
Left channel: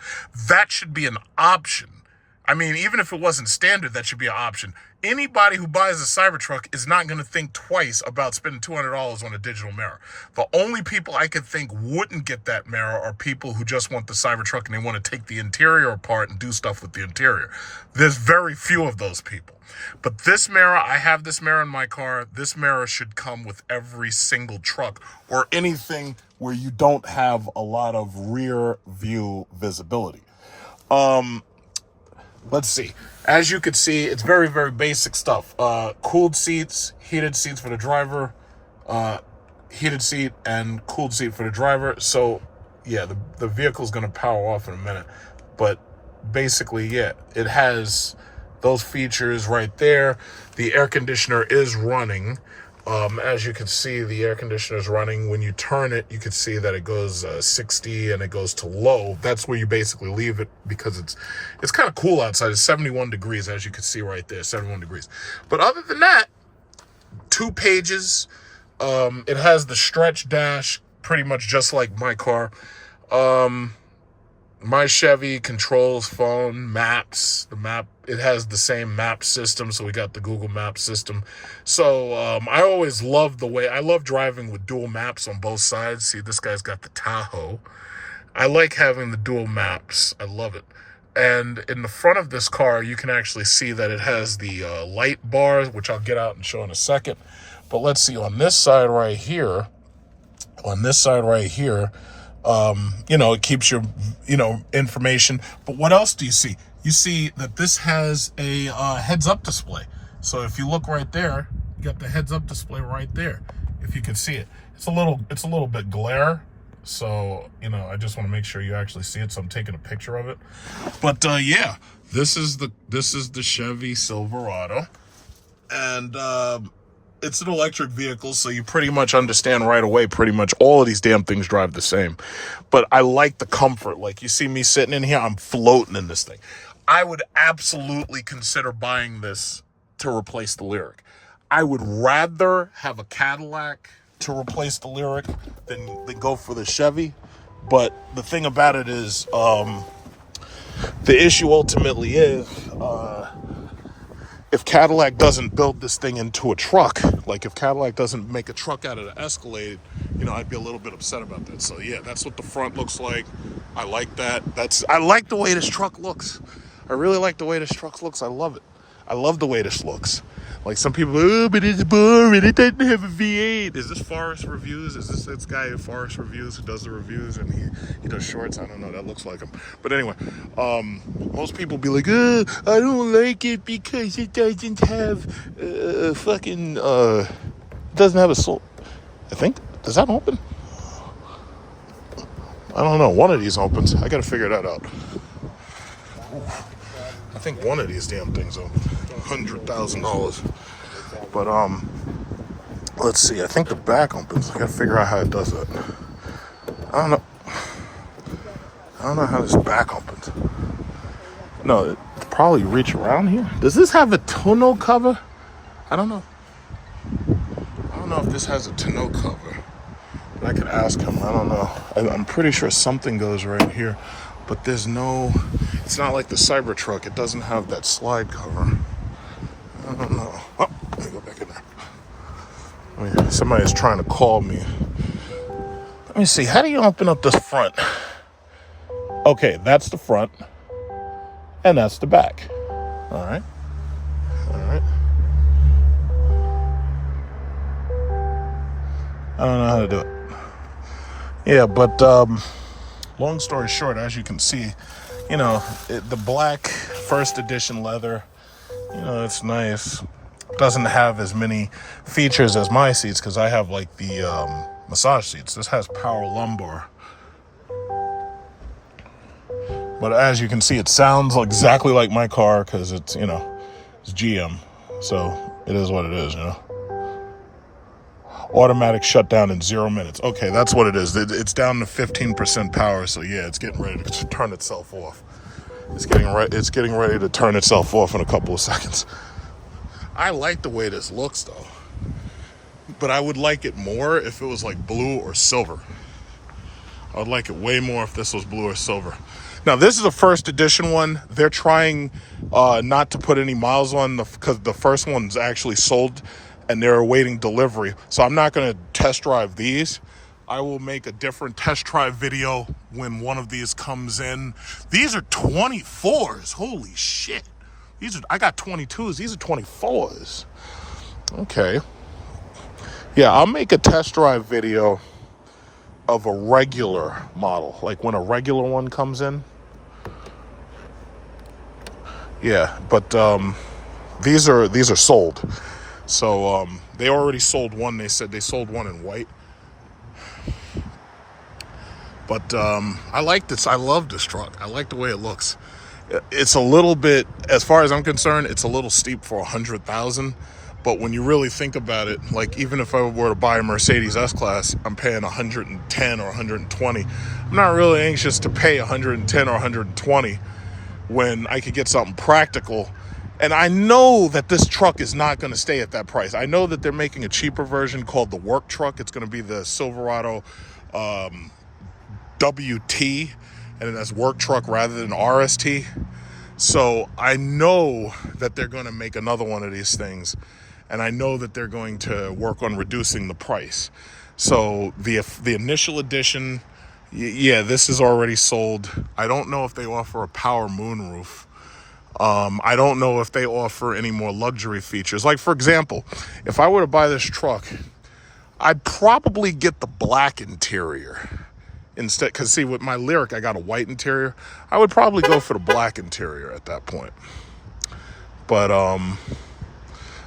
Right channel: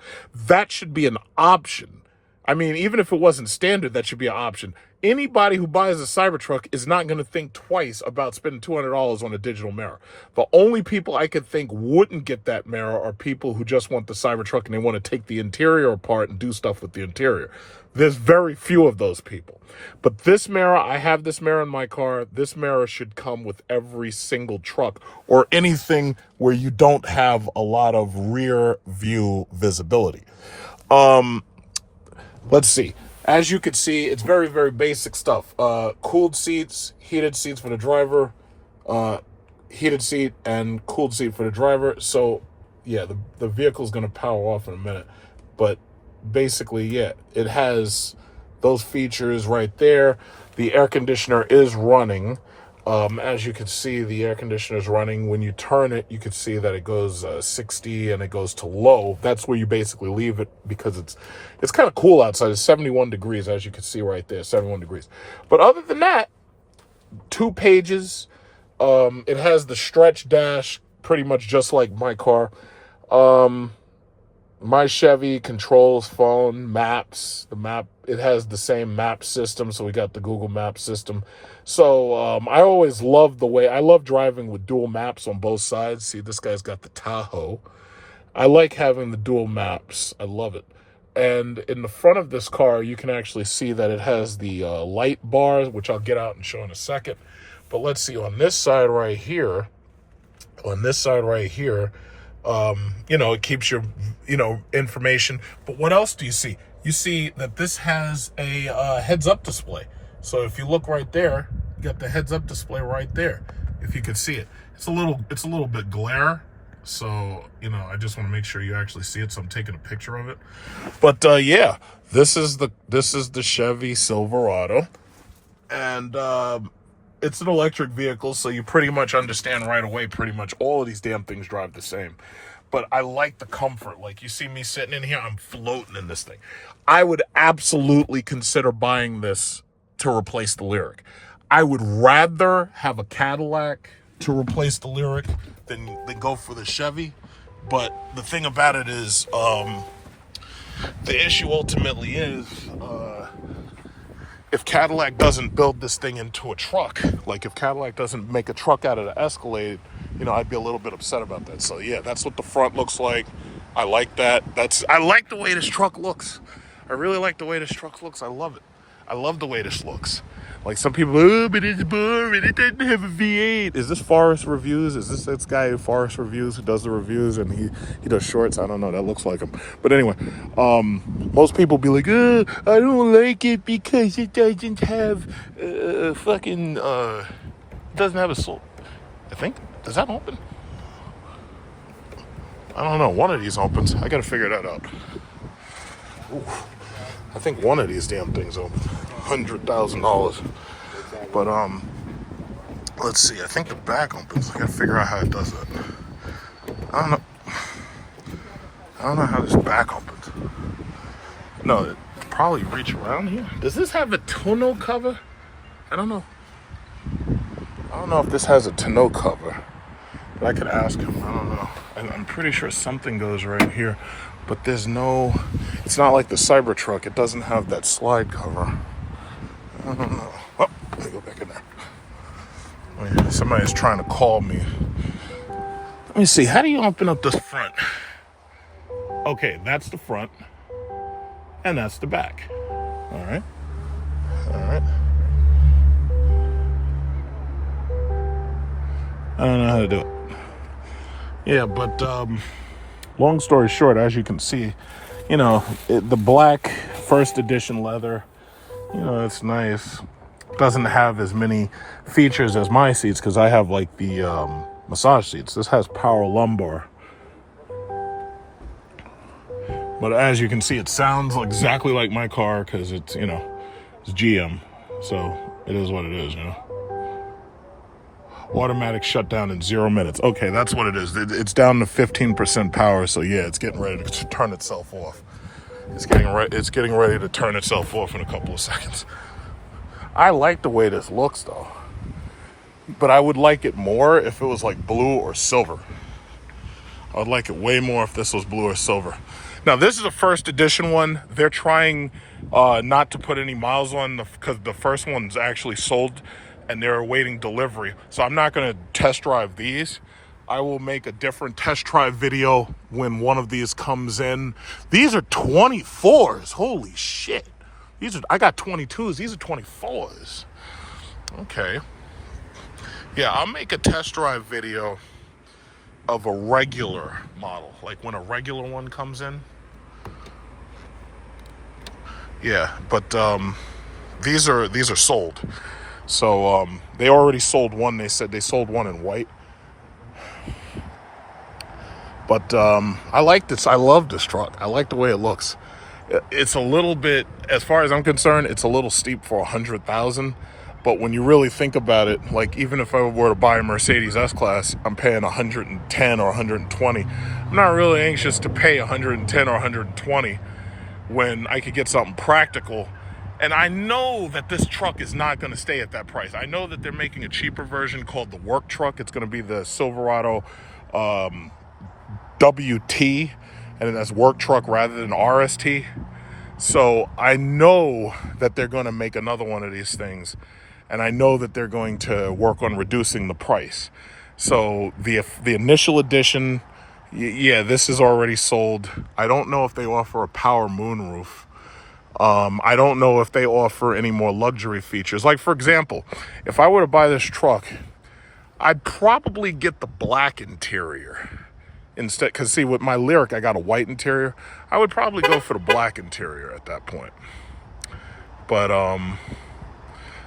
That should be an option. I mean, even if it wasn't standard, that should be an option. Anybody who buys a Cybertruck is not going to think twice about spending $200 on a digital mirror. The only people I could think wouldn't get that mirror are people who just want the Cybertruck and they want to take the interior apart and do stuff with the interior. There's very few of those people. But this mirror, I have this mirror in my car. This mirror should come with every single truck or anything where you don't have a lot of rear view visibility. Let's see. As you can see, it's very, very basic stuff. Cooled seats, heated seats for the driver, heated seat and cooled seat for the driver. So yeah, the vehicle's going to power off in a minute, but basically, yeah, it has those features right there. The air conditioner is running. As you can see, the air conditioner is running. When you turn it, you can see that it goes 60 and it goes to low. That's where you basically leave it, because it's kind of cool outside. It's 71 degrees, as you can see right there, 71 degrees. But other than that, 2 pages. It has the stretch dash, pretty much just like my car. My Chevy controls phone, maps, it has the same map system. So we got the Google Maps system. So, I always love I love driving with dual maps on both sides. See, this guy's got the Tahoe. I like having the dual maps. I love it. And in the front of this car, you can actually see that it has the light bars, which I'll get out and show in a second. But let's see, on this side right here, it keeps your, information. But what else do you see? You see that this has a heads-up display. So if you look right there, you got the heads-up display right there. If you can see it, it's a little bit glare. So, I just want to make sure you actually see it. So I'm taking a picture of it. But yeah, this is the Chevy Silverado, and it's an electric vehicle, so you pretty much understand right away, pretty much all of these damn things drive the same. But I like the comfort. Like, you see me sitting in here, I'm floating in this thing. I would absolutely consider buying this to replace the Lyriq. I would rather have a Cadillac to replace the Lyriq than go for the Chevy. But the thing about it is, the issue ultimately is, if Cadillac doesn't build this thing into a truck, like if Cadillac doesn't make a truck out of the Escalade, I'd be a little bit upset about that. So yeah, that's what the front looks like. I like that. I like the way this truck looks. I really like the way this truck looks. I love it. I love the way this looks. Like, some people, but it's boring, it doesn't have a V8. Is this Forest Reviews? Is this guy Forest Reviews who does the reviews and he does shorts? I don't know, that looks like him. But anyway, most people be like, I don't like it because it doesn't have doesn't have a soul. I think, does that open? I don't know, one of these opens. I gotta figure that out. Ooh. I think one of these damn things opened. $100,000. But let's see. I think the back opens. I gotta figure out how it does that. I don't know how this back opens. No, it probably reach around here. Does this have a tonneau cover? I don't know. I don't know if this has a tonneau cover. But I could ask him. I don't know. I'm pretty sure something goes right here. But there's no, it's not like the Cybertruck. It doesn't have that slide cover. I don't know. Oh, let me go back in there. Somebody's trying to call me. Let me see. How do you open up this front? Okay, that's the front. And that's the back. All right. All right. I don't know how to do it. Yeah, but long story short, as you can see, the black first edition leather, it's nice. Doesn't have as many features as my seats, because I have like the massage seats. This has power lumbar. But as you can see, it sounds exactly like my car, because it's, it's GM. So it is what it is, Automatic shutdown in 0 minutes. Okay, that's what it is. It's down to 15% power, so yeah, it's getting ready to turn itself off. It's getting ready to turn itself off in a couple of seconds. I like the way this looks, though. But I would like it more if it was like blue or silver. I would like it way more if this was blue or silver. Now, this is a first edition one. They're trying not to put any miles on because the first one's actually sold and they're awaiting delivery. So I'm not going to test drive these. I will make a different test drive video when one of these comes in. These are 24s. Holy shit. I got 22s. These are 24s. Okay. Yeah, I'll make a test drive video of a regular model, like when a regular one comes in. Yeah, but these are sold. So they already sold one. They said they sold one in white. But I like this. I love this truck. I like the way it looks. It's a little bit, as far as I'm concerned, it's a little steep for 100,000. But when you really think about it, like even if I were to buy a Mercedes S-Class, I'm paying 110 or 120. I'm not really anxious to pay 110 or 120 when I could get something practical. And I know that this truck is not going to stay at that price. I know that they're making a cheaper version called the work truck. It's going to be the Silverado WT, and that's work truck rather than RST. So I know that they're going to make another one of these things, and I know that they're going to work on reducing the price. So the initial edition, yeah, this is already sold. I don't know if they offer a power moonroof. I don't know if they offer any more luxury features. Like, for example, if I were to buy this truck, I'd probably get the black interior instead. Because, see, with my Lyriq, I got a white interior. I would probably go for the black interior at that point. But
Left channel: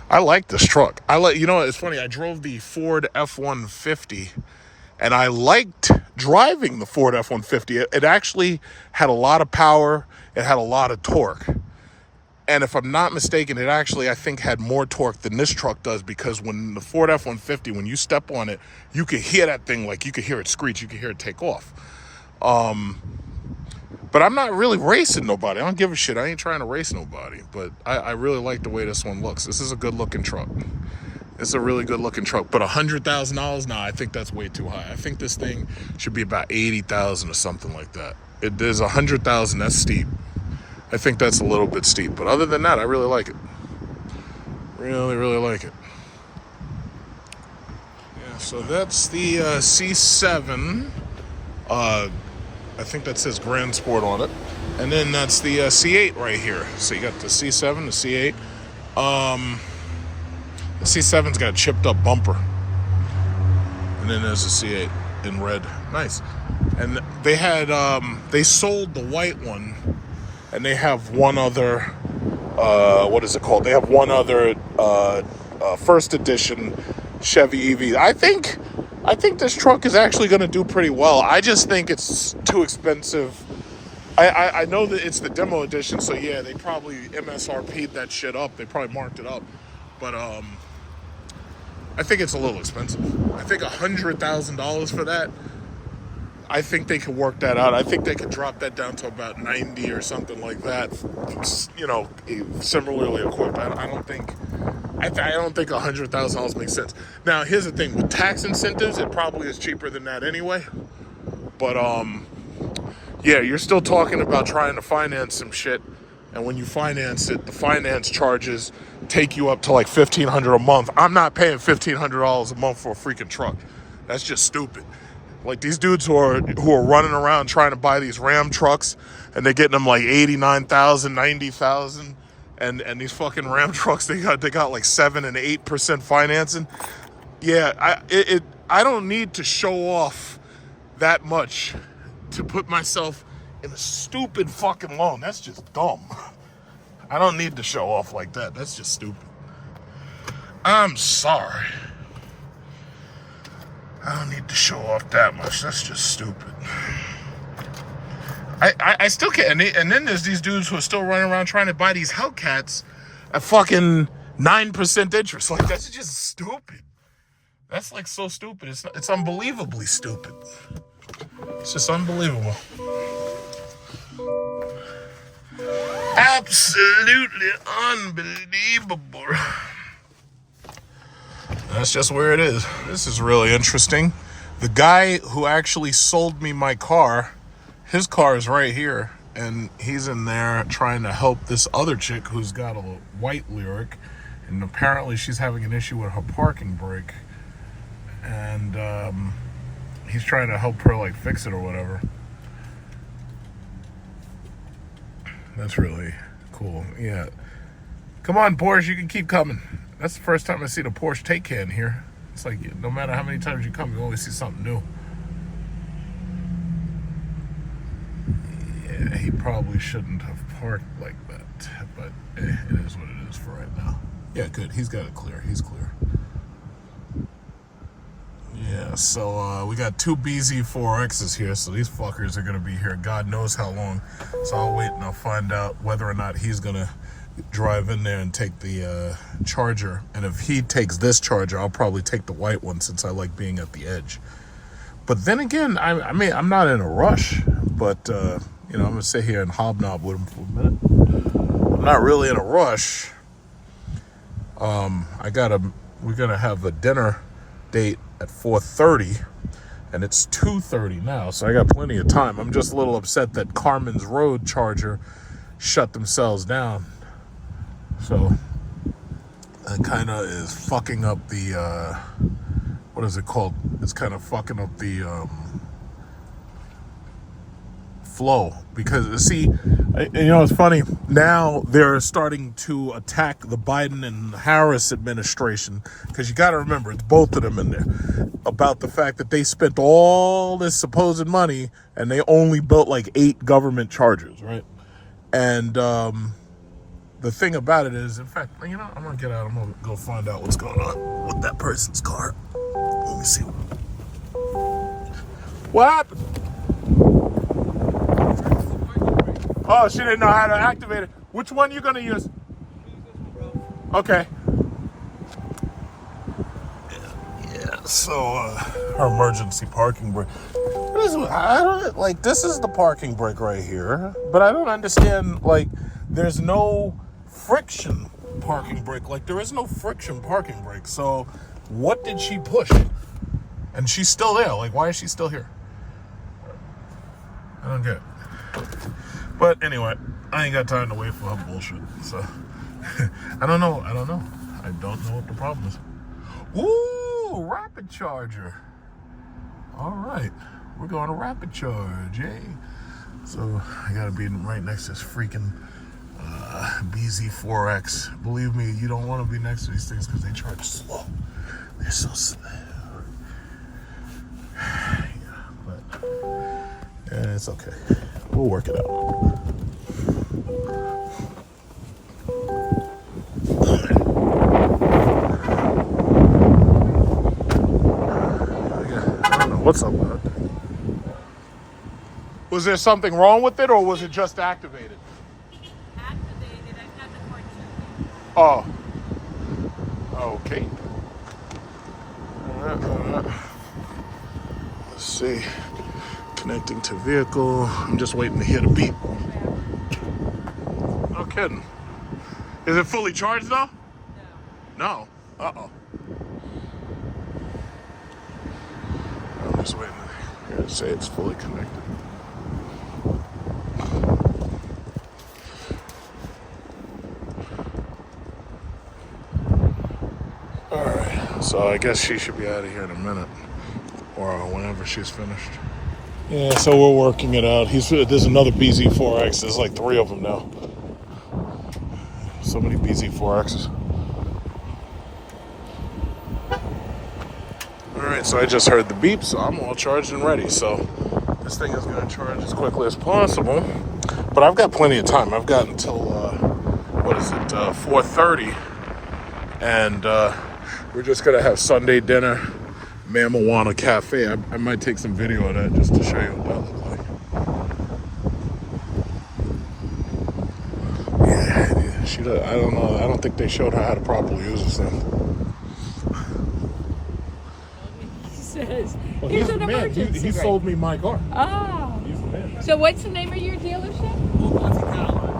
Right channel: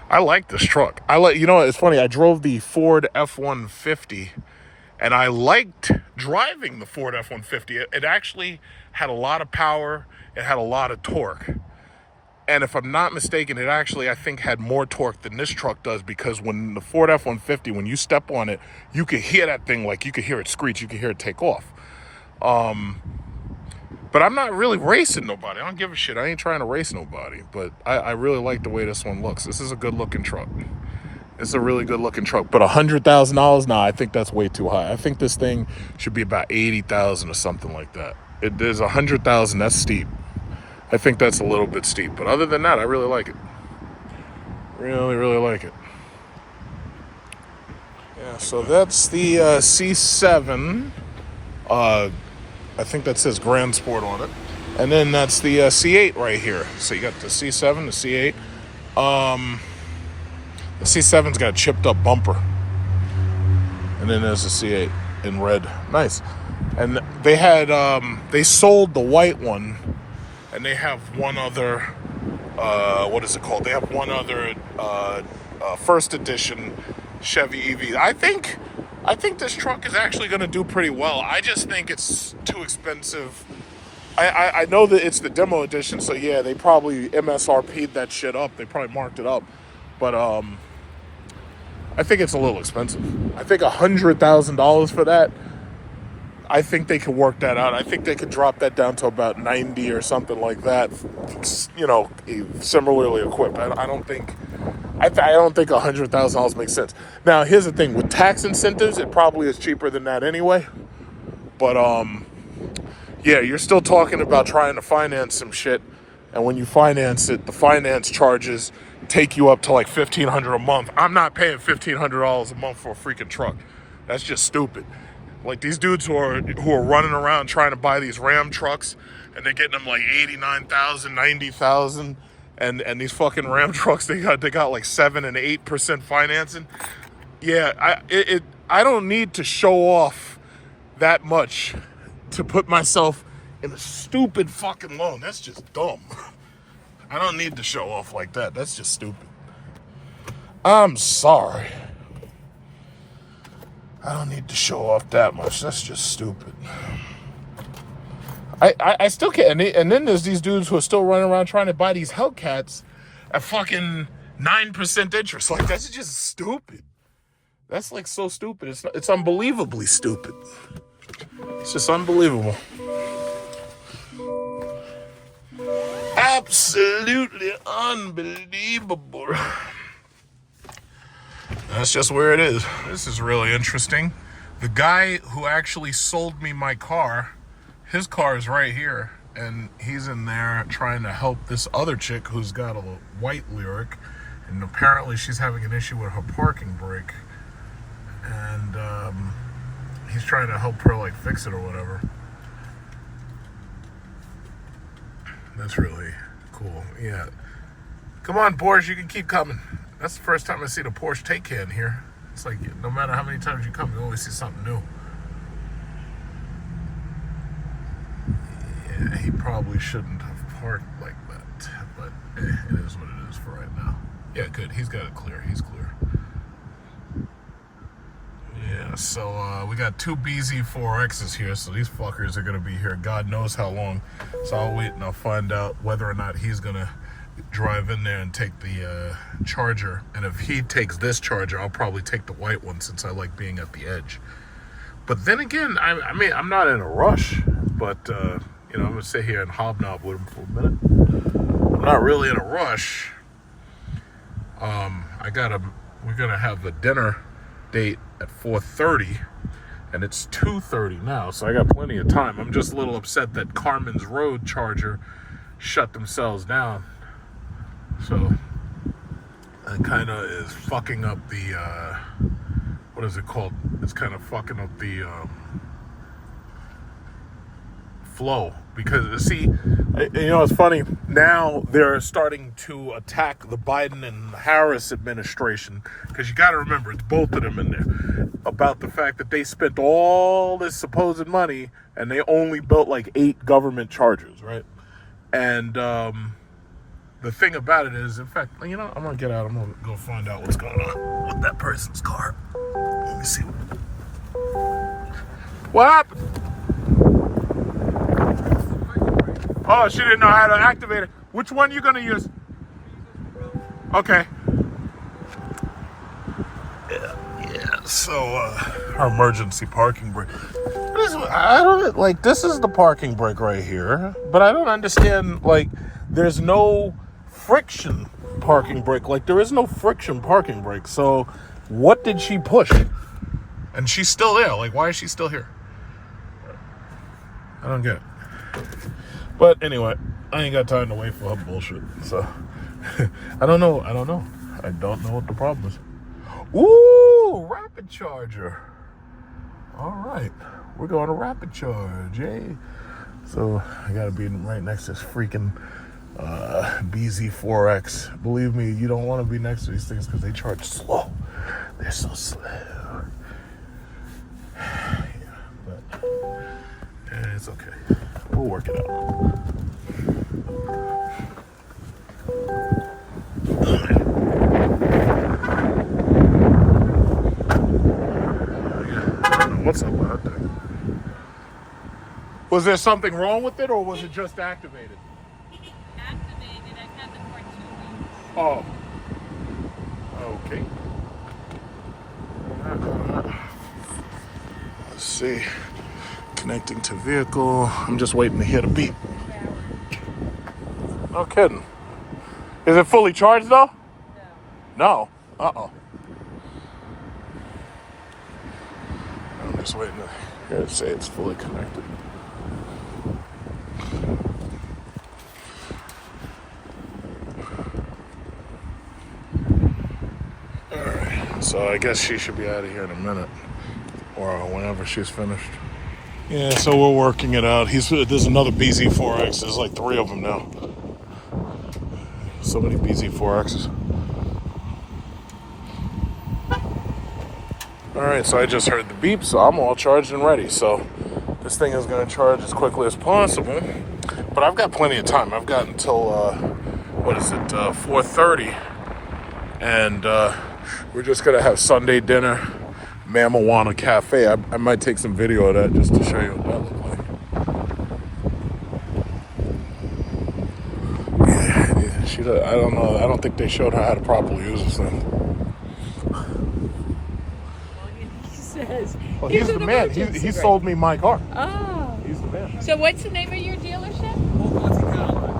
I like this truck. You know, it's funny. I drove the Ford F-150, and I liked driving the Ford F-150. It actually had a lot of power. It had a lot of torque. And if I'm not mistaken, it actually, I think, had more torque than this truck does, because when the Ford F-150, when you step on it, you can hear that thing, like you can hear it screech, you can hear it take off. But I'm not really racing nobody. I don't give a shit. I ain't trying to race nobody. But I really like the way this one looks. This is a good-looking truck. It's a really good-looking truck. But $100,000? Nah, I think that's way too high. I think this thing should be about $80,000 or something like that. There's $100,000. That's steep. I think that's a little bit steep. But other than that, I really like it. Really, really like it. Yeah, so that's the C7. I think that says Grand Sport on it. And then that's the C8 right here. So you got the C7, the C8. The C7's got a chipped up bumper. And then there's the C8 in red. Nice. And they had, they sold the white one. And they have one other, what is it called? They have one other first edition Chevy EV. I think this truck is actually going to do pretty well. I just think it's too expensive. I know that it's the demo edition, so yeah, they probably MSRP'd that shit up. They probably marked it up. But I think it's a little expensive. I think $100,000 for that. I think they could work that out. I think they could drop that down to about 90 or something like that. You know, similarly equipped. I don't think $100,000 makes sense. Now, here's the thing: with tax incentives, it probably is cheaper than that anyway. But yeah, you're still talking about trying to finance some shit, and when you finance it, the finance charges take you up to like $1,500 a month. I'm not paying $1,500 a month for a freaking truck. That's just stupid. Like these dudes who are running around trying to buy these Ram trucks, and they're getting them like $89,000, $90,000, and these fucking Ram trucks they got like 7% and 8% financing. Yeah, I don't need to show off that much to put myself in a stupid fucking loan. That's just dumb. I don't need to show off like that. That's just stupid. I'm sorry. I don't need to show off that much. That's just stupid. I still can't. And then there's these dudes who are still running around trying to buy these Hellcats at fucking 9% interest. Like, that's just stupid. That's like so stupid. It's unbelievably stupid. It's just unbelievable. Absolutely unbelievable. That's just where it is. This is really interesting. The guy who actually sold me my car, his car is right here, and he's in there trying to help this other chick who's got a white Lyriq, and apparently she's having an issue with her parking brake, and he's trying to help her like fix it or whatever. That's really cool. Yeah. Come on, Porsche, you can keep coming. That's the first time I see the Porsche take can here. It's like no matter how many times you come, you always see something new. Yeah, he probably shouldn't have parked like that, but it is what it is for right now. Yeah, good. He's got it clear. He's clear. Yeah, Yeah, so we got two BZ4Xs here, so these fuckers are gonna be here God knows how long. So I'll wait and I'll find out whether or not he's gonna drive in there and take the Charger. And if he takes this Charger, I'll probably take the white one since I like being at the edge. But then again, I mean, I'm not in a rush, but you know, I'm gonna sit here and hobnob with him for a minute. I'm not really in a rush. We're gonna have a dinner date at 4:30, and it's 2:30 now, so I got plenty of time. I'm just a little upset that Carmen's Road Charger shut themselves down, so that kind of is fucking up the what is it called? It's kind of fucking up the flow, because see, you know, it's funny now they're starting to attack the Biden and Harris administration, because you got to remember it's both of them in there, about the fact that they spent all this supposed money and they only built like 8 government chargers, right? And the thing about it is, in fact, you know, I'm gonna get out, I'm gonna go find out what's going on with that person's car. Let me see what happened. Oh, she didn't know how to activate it. Which one you gonna use? Okay. Yeah. So, her emergency parking brake. I don't like. This is the parking brake right here, but I don't understand. Like, there's no friction parking brake. Like, there is no friction parking brake. So, what did she push? And she's still there. Like, why is she still here? I don't get it. But anyway, I ain't got time to wait for her bullshit. So I don't know. I don't know what the problem is. Ooh, rapid charger. All right, we're going to rapid charge, eh? So I gotta be right next to this freaking BZ4X. Believe me, you don't want to be next to these things because they charge slow. They're so slow. Yeah, but it's okay. We'll work it out. I don't know what's up with that thing. Was there something wrong with it, or was it just activated? Activated. I've had the car 2 weeks. Oh. Okay. Let's see. Connecting to vehicle. I'm just waiting to hear the beep. No kidding. Is it fully charged though? No. Uh-oh. I'm just waiting to hear it say it's fully connected. Alright. So I guess she should be out of here in a minute. Or whenever she's finished. Yeah, so we're working it out. There's another BZ4X. There's like 3 of them now. So many BZ4Xs. Alright, so I just heard the beep, so I'm all charged and ready. So this thing is going to charge as quickly as possible. But I've got plenty of time. I've got until, 4:30. And we're just going to have Sunday dinner. Mamana Cafe. I might take some video of that just to show you what that looks like. Yeah, I don't know. I don't think they showed her how to properly use this thing. He says, Well, he's the man. He sold me my car. Oh. He's the man. So what's the name of your dealership?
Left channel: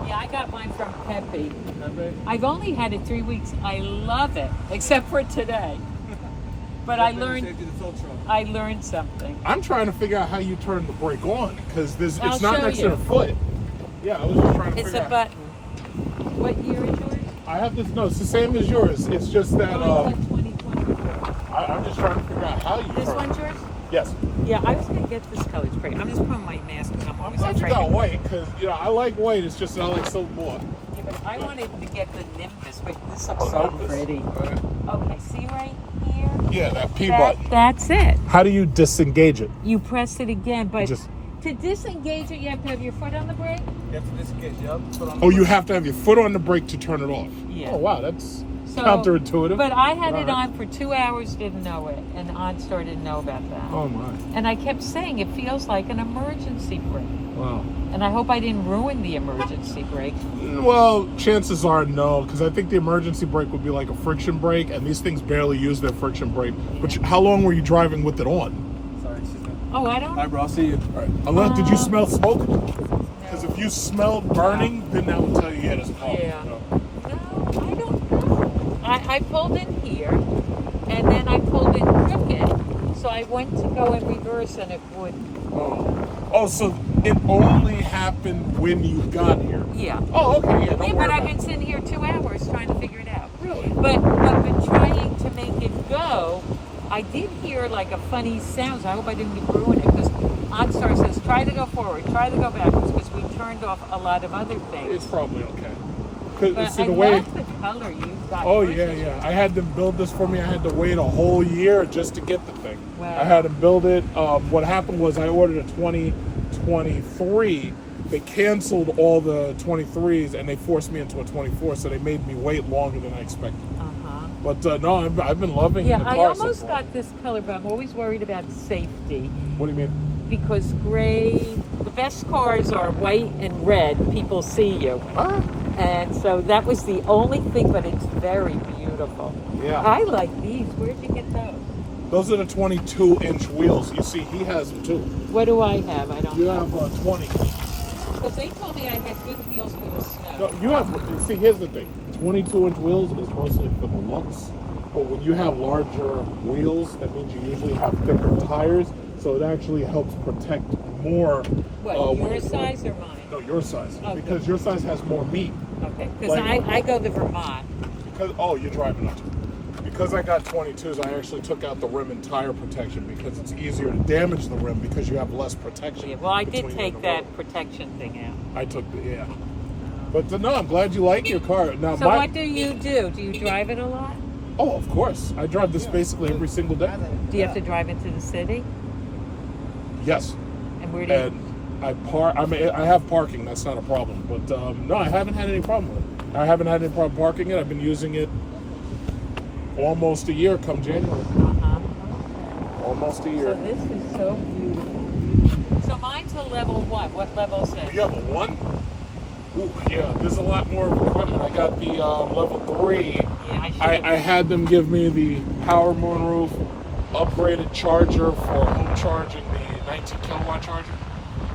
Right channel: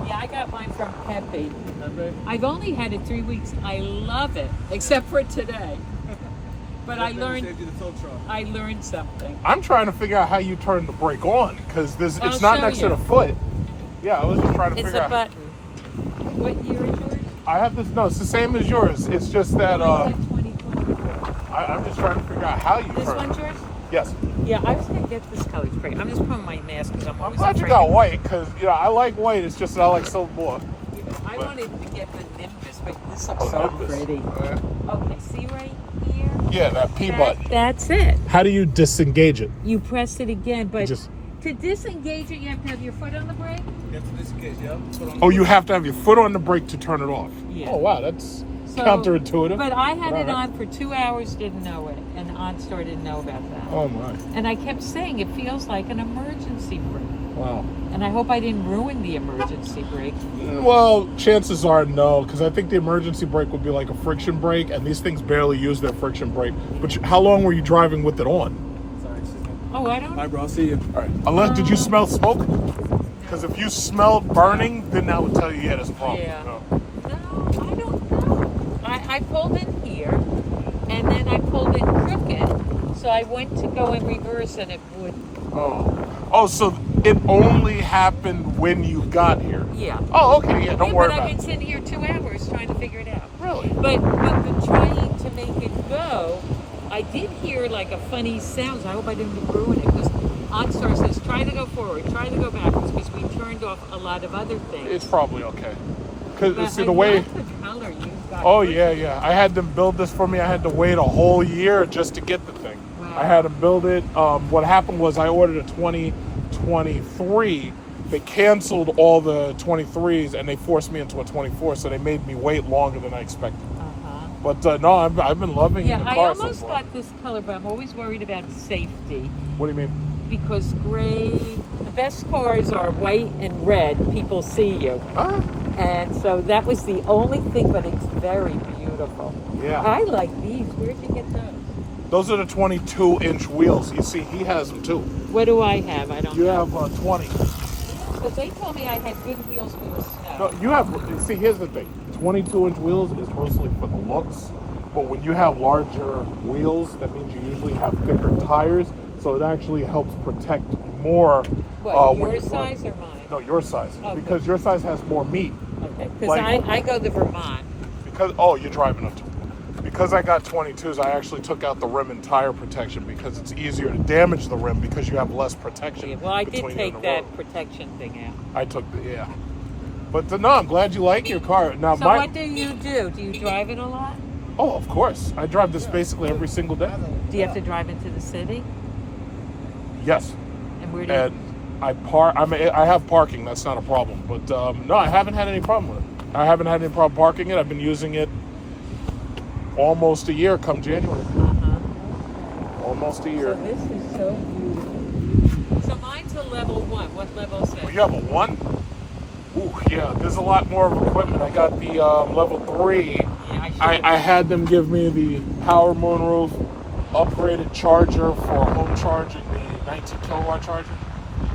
Yeah, I got mine from Pepe. I've only had it 3 weeks. I love it, except for today. But I learned something. I'm trying to figure out how you turn the brake on, because it's I'll not show next you. to the foot. Yeah, I was just trying to It's figure a out. button. What year is yours? I have this. No, it's the same as yours. It's just that Mine's got 2020. I'm just trying to figure out how you This turn. one's yours? Yes. Yeah, I was going to get this color. It's pretty. I'm just putting my mask because I'm I'm always glad you afraid. got white, because I like white. It's just I like silver more. Yeah, but I wanted to get the Nimbus, but this looks so Nimbus. pretty. Oh, yeah. Okay, see right here? Yeah, that P button. That's it. How do you disengage it? You press it again, but Just- to disengage it, you have to have your foot on the brake? Oh, you have to have your foot on the brake to turn it off. Yeah. Oh, wow, that's So, counterintuitive. But I had it Alright. on for 2 hours, didn't know it, and OnStar didn't know about that. Oh my! And I kept saying it feels like an emergency brake. Wow. And I hope I didn't ruin the emergency brake. Well, chances are no, because I think the emergency brake would be like a friction brake, and these things barely use their friction brake. But how long were you driving with it on? Sorry, she's not. Oh, I don't. All right, bro. I'll see you. All right. Unless, did you smell smoke? Because if you smelled burning, then that would tell you you had a problem. Yeah. No. No, I don't know. I pulled in here, and then I pulled in crooked. So I went to go in reverse, and it wouldn't. Oh, so it only happened when you got here. Yeah. Oh, okay. Yeah, don't Yeah, worry but I've about been it. sitting here 2 hours trying to figure it out. Really? But trying to make it go, I did hear like a funny sound. I hope I didn't ruin it, because OnStar says try to go forward, try to go backwards, because we turned off a lot of other things. It's probably okay. Because But see I the way. love the color you got. Oh yeah. I had them build this for me. I had to wait a whole year just to get the thing. Wow. I had them build it. What happened was I ordered a 2023. They canceled all the 23s and they forced me into a 24. So they made me wait longer than I expected. Uh-huh. But no, I've been loving Yeah, the I car so almost far. got this color, but I'm always worried about safety. What do you mean? Because gray, the best cars are white and red. People see you. Ah, And so that was the only thing, but it's very beautiful. yeah. I like these. Where'd you get those? Those are the 22-inch wheels. You see, he has them too. What do I have? I don't You know. have 20. Because they told me I had good wheels for the snow. No, you have. See, here's the thing. 22-inch wheels is mostly for the looks, but when you have larger wheels, that means you usually have thicker tires, so it actually helps protect more. What, when your you- size or mine? No, your size, Oh, because good. your size has more meat. Okay, because Like- I go the Vermont. Because you're driving up. Because I got 22s, I actually took out the rim and tire protection because it's easier to damage the rim because you have less protection. Yeah, well, I did between you take and the that road. protection thing out. I took the But no, I'm glad you like your car. Now, So what do you do? Do you drive it a lot? Oh, of course. I drive this basically every single day. Do you have to drive into the city? Yes. And where do you... And I have parking. That's not a problem. But no, I haven't had any problem with it. I haven't had any problem parking it. I've been using it almost a year come January. Uh-huh. Almost a So year. this is so beautiful. So mine's a level 1. What level is it? You have a 1? Ooh, yeah. There's a lot more of equipment. I got the level 3. Yeah, I had them give me the power moonroof, upgraded charger for home charging, the 19 kilowatt charger.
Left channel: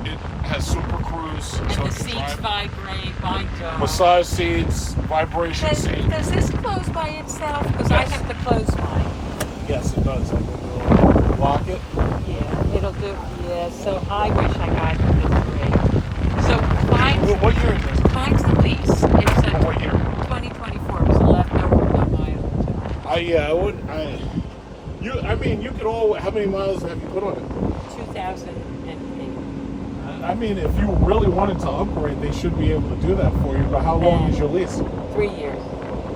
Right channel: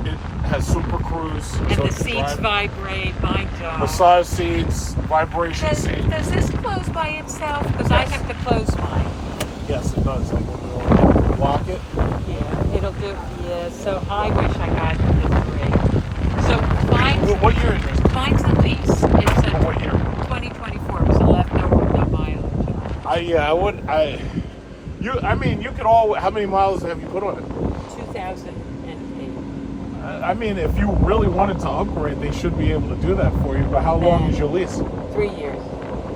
It has Super Cruise. And so the it can seats drive. vibrate, mine don't. Massage seats, vibration seats. Does this close by itself? Because I Yes. have to close mine. Yes, it does. Like when you lock it. Yeah, it'll do. Yeah, so I wish I got the gray. So What year is this? mine's a lease. It's a What year? 2024. It was left over on my own. I mean, you could all. How many miles have you put on it? 2008. I mean, if you really wanted to upgrade, they should be able to do that for you. But how long is your lease? 3 years.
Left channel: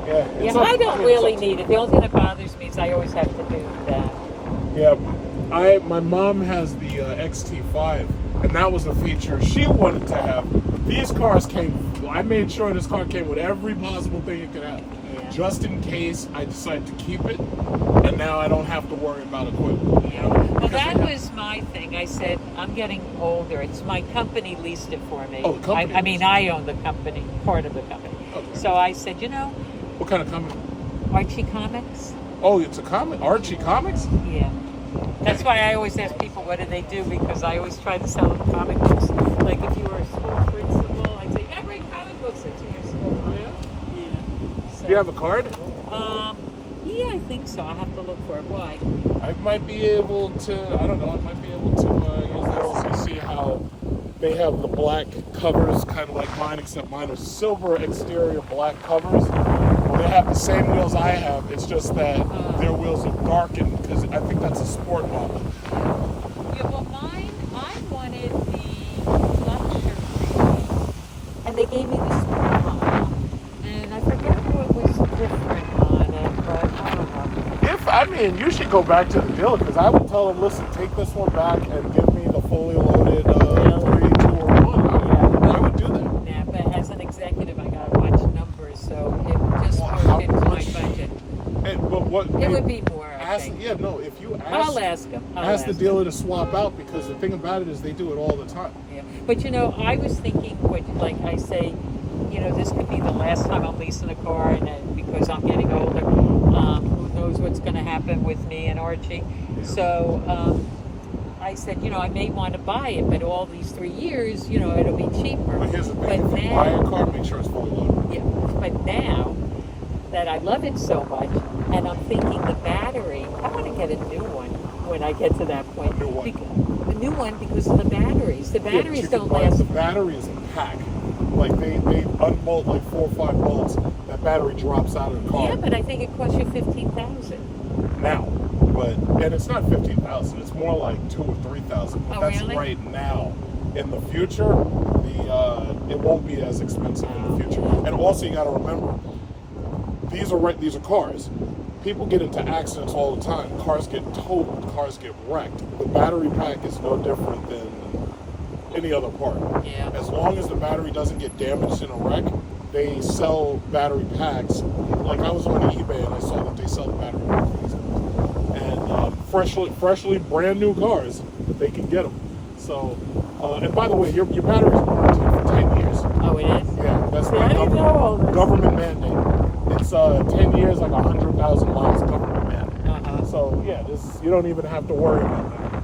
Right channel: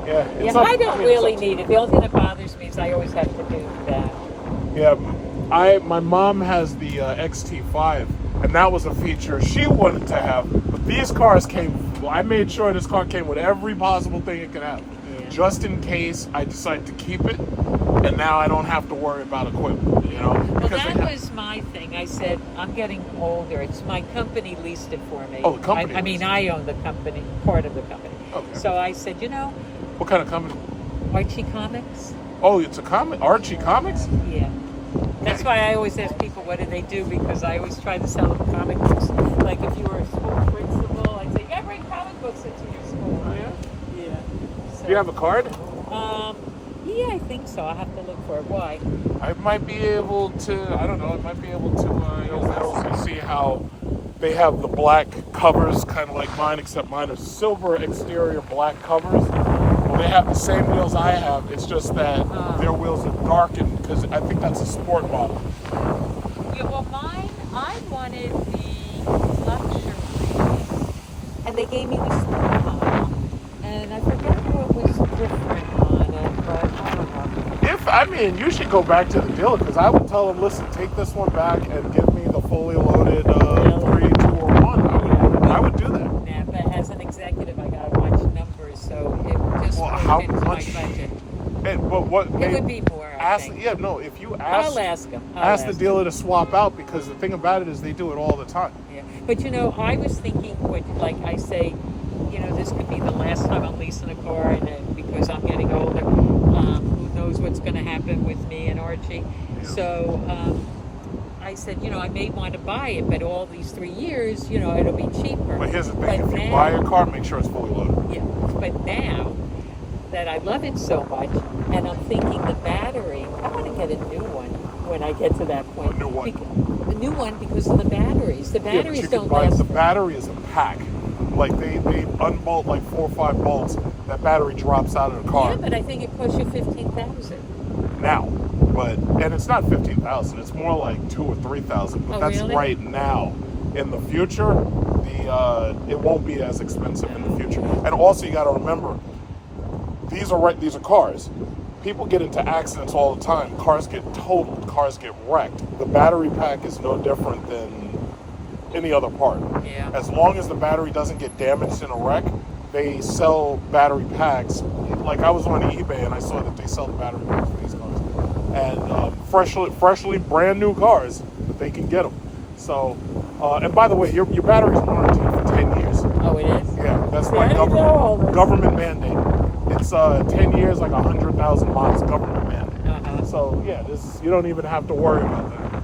Yeah, Yeah, it's up- I don't mean, it's really up to- need it. The only thing that bothers me is I always have to do that. Yeah, my mom has the XT5, and that was a feature she wanted to have. But these cars came. Well, I made sure this car came with every possible thing it could have, Yeah. just in case I decide to keep it. And now I don't have to worry about equipment. You know. Well, because that they have- was my thing. I said, I'm getting older. It's my company leased it for me. Oh, the company I mean, leased it. I own the company, part of the company. Okay. So I said, What kind of company? Archie Comics? Oh, it's a comic. Archie Comics. Yeah. That's why I always ask people, what do they do? Because I always try to sell them comic books. Like if you were a school principal, I'd say, I bring comic books into your school. Oh, yeah. Yeah. So, Do you have a card? Yeah, I think so. I'll have to look for it. Why? I might be able to. I don't know. I might be able to use this and see how they have the black covers, kind of like mine, except mine are silver exterior, black covers. Well, they have the same wheels I have. It's just that their wheels are darkened because I think that's a sport model. Yeah, well, mine, I wanted the luxury, and they gave me the sport model, and I forget what was different on it, but I don't know. You should go back to the dealer because I would tell them, listen, take this one back and give me the fully loaded 3, 2, or 1. I would do that. Yeah, but as an executive, I gotta watch numbers, so it just Well, broke how into my much? budget. what It would be more, I ask. think. Yeah, no. If you I'll ask, ask him. ask the dealer to swap out, because the thing about it is they do it all the time. Yeah. But you know, I was thinking, like I say, you know, this could be the last time I'm leasing a car, and because I'm getting older. Who knows what's going to happen with me and Archie? Yeah. So I said, you know, I may want to buy it, but all these 3 years, you know, it'll be cheaper. But here's the thing: But if you now- buy a car, make sure it's fully loaded. Yeah, but now that I love it so much, and I'm thinking the battery, I want to get a new one when I get to that point. A new one? The new one because of the batteries. The Yeah, but batteries you can don't buy last. the battery is a pack. Like they unbolt like 4 or 5 bolts. That battery drops out of the car Yeah, but I think it costs you 15,000. now. And it's not 15,000. It's more like 2 or 3,000. But Oh, that's really? right now. In the future, it won't be as expensive in the future. And also, you got to remember, these are cars. People get into accidents all the time. Cars get totaled. Cars get wrecked. The battery pack is no different than any other part. Yeah. As long as the battery doesn't get damaged in a wreck, they sell battery packs. Like I was on eBay and I saw that they sell the battery packs for these cars, and freshly brand new cars, they can get them. So, and by the way, your battery's warranted for 10 years. Oh, it is? Yeah, that's See, my I didn't know all this. government mandate. It's 10 years, like 100,000 miles, government mandate. Uh-huh. So yeah, you don't even have to worry about that.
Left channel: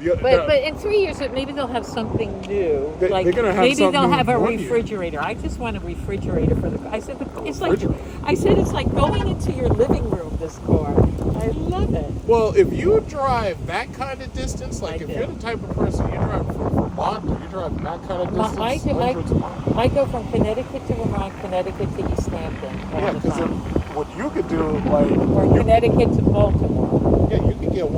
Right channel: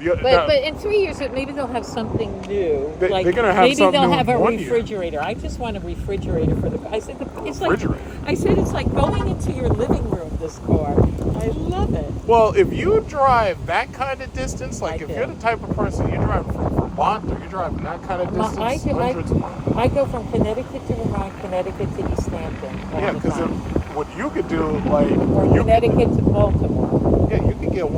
Yeah. Yeah, But in 3 years, maybe they'll have something new. They're like gonna have maybe something they'll new have a in 1 year. refrigerator. I just want a refrigerator for the. I said it's like. refrigerator? I said it's like going into your living room. This car, I love it. Well, if you drive that kind of distance, like I if do. you're the type of person you drive from Vermont or you drive that kind of distance, I hundreds of miles. I go from Connecticut to Vermont, Connecticut to East Hampton. all Yeah, the because time. what you could do, like, Or you Connecticut to Baltimore. you could get you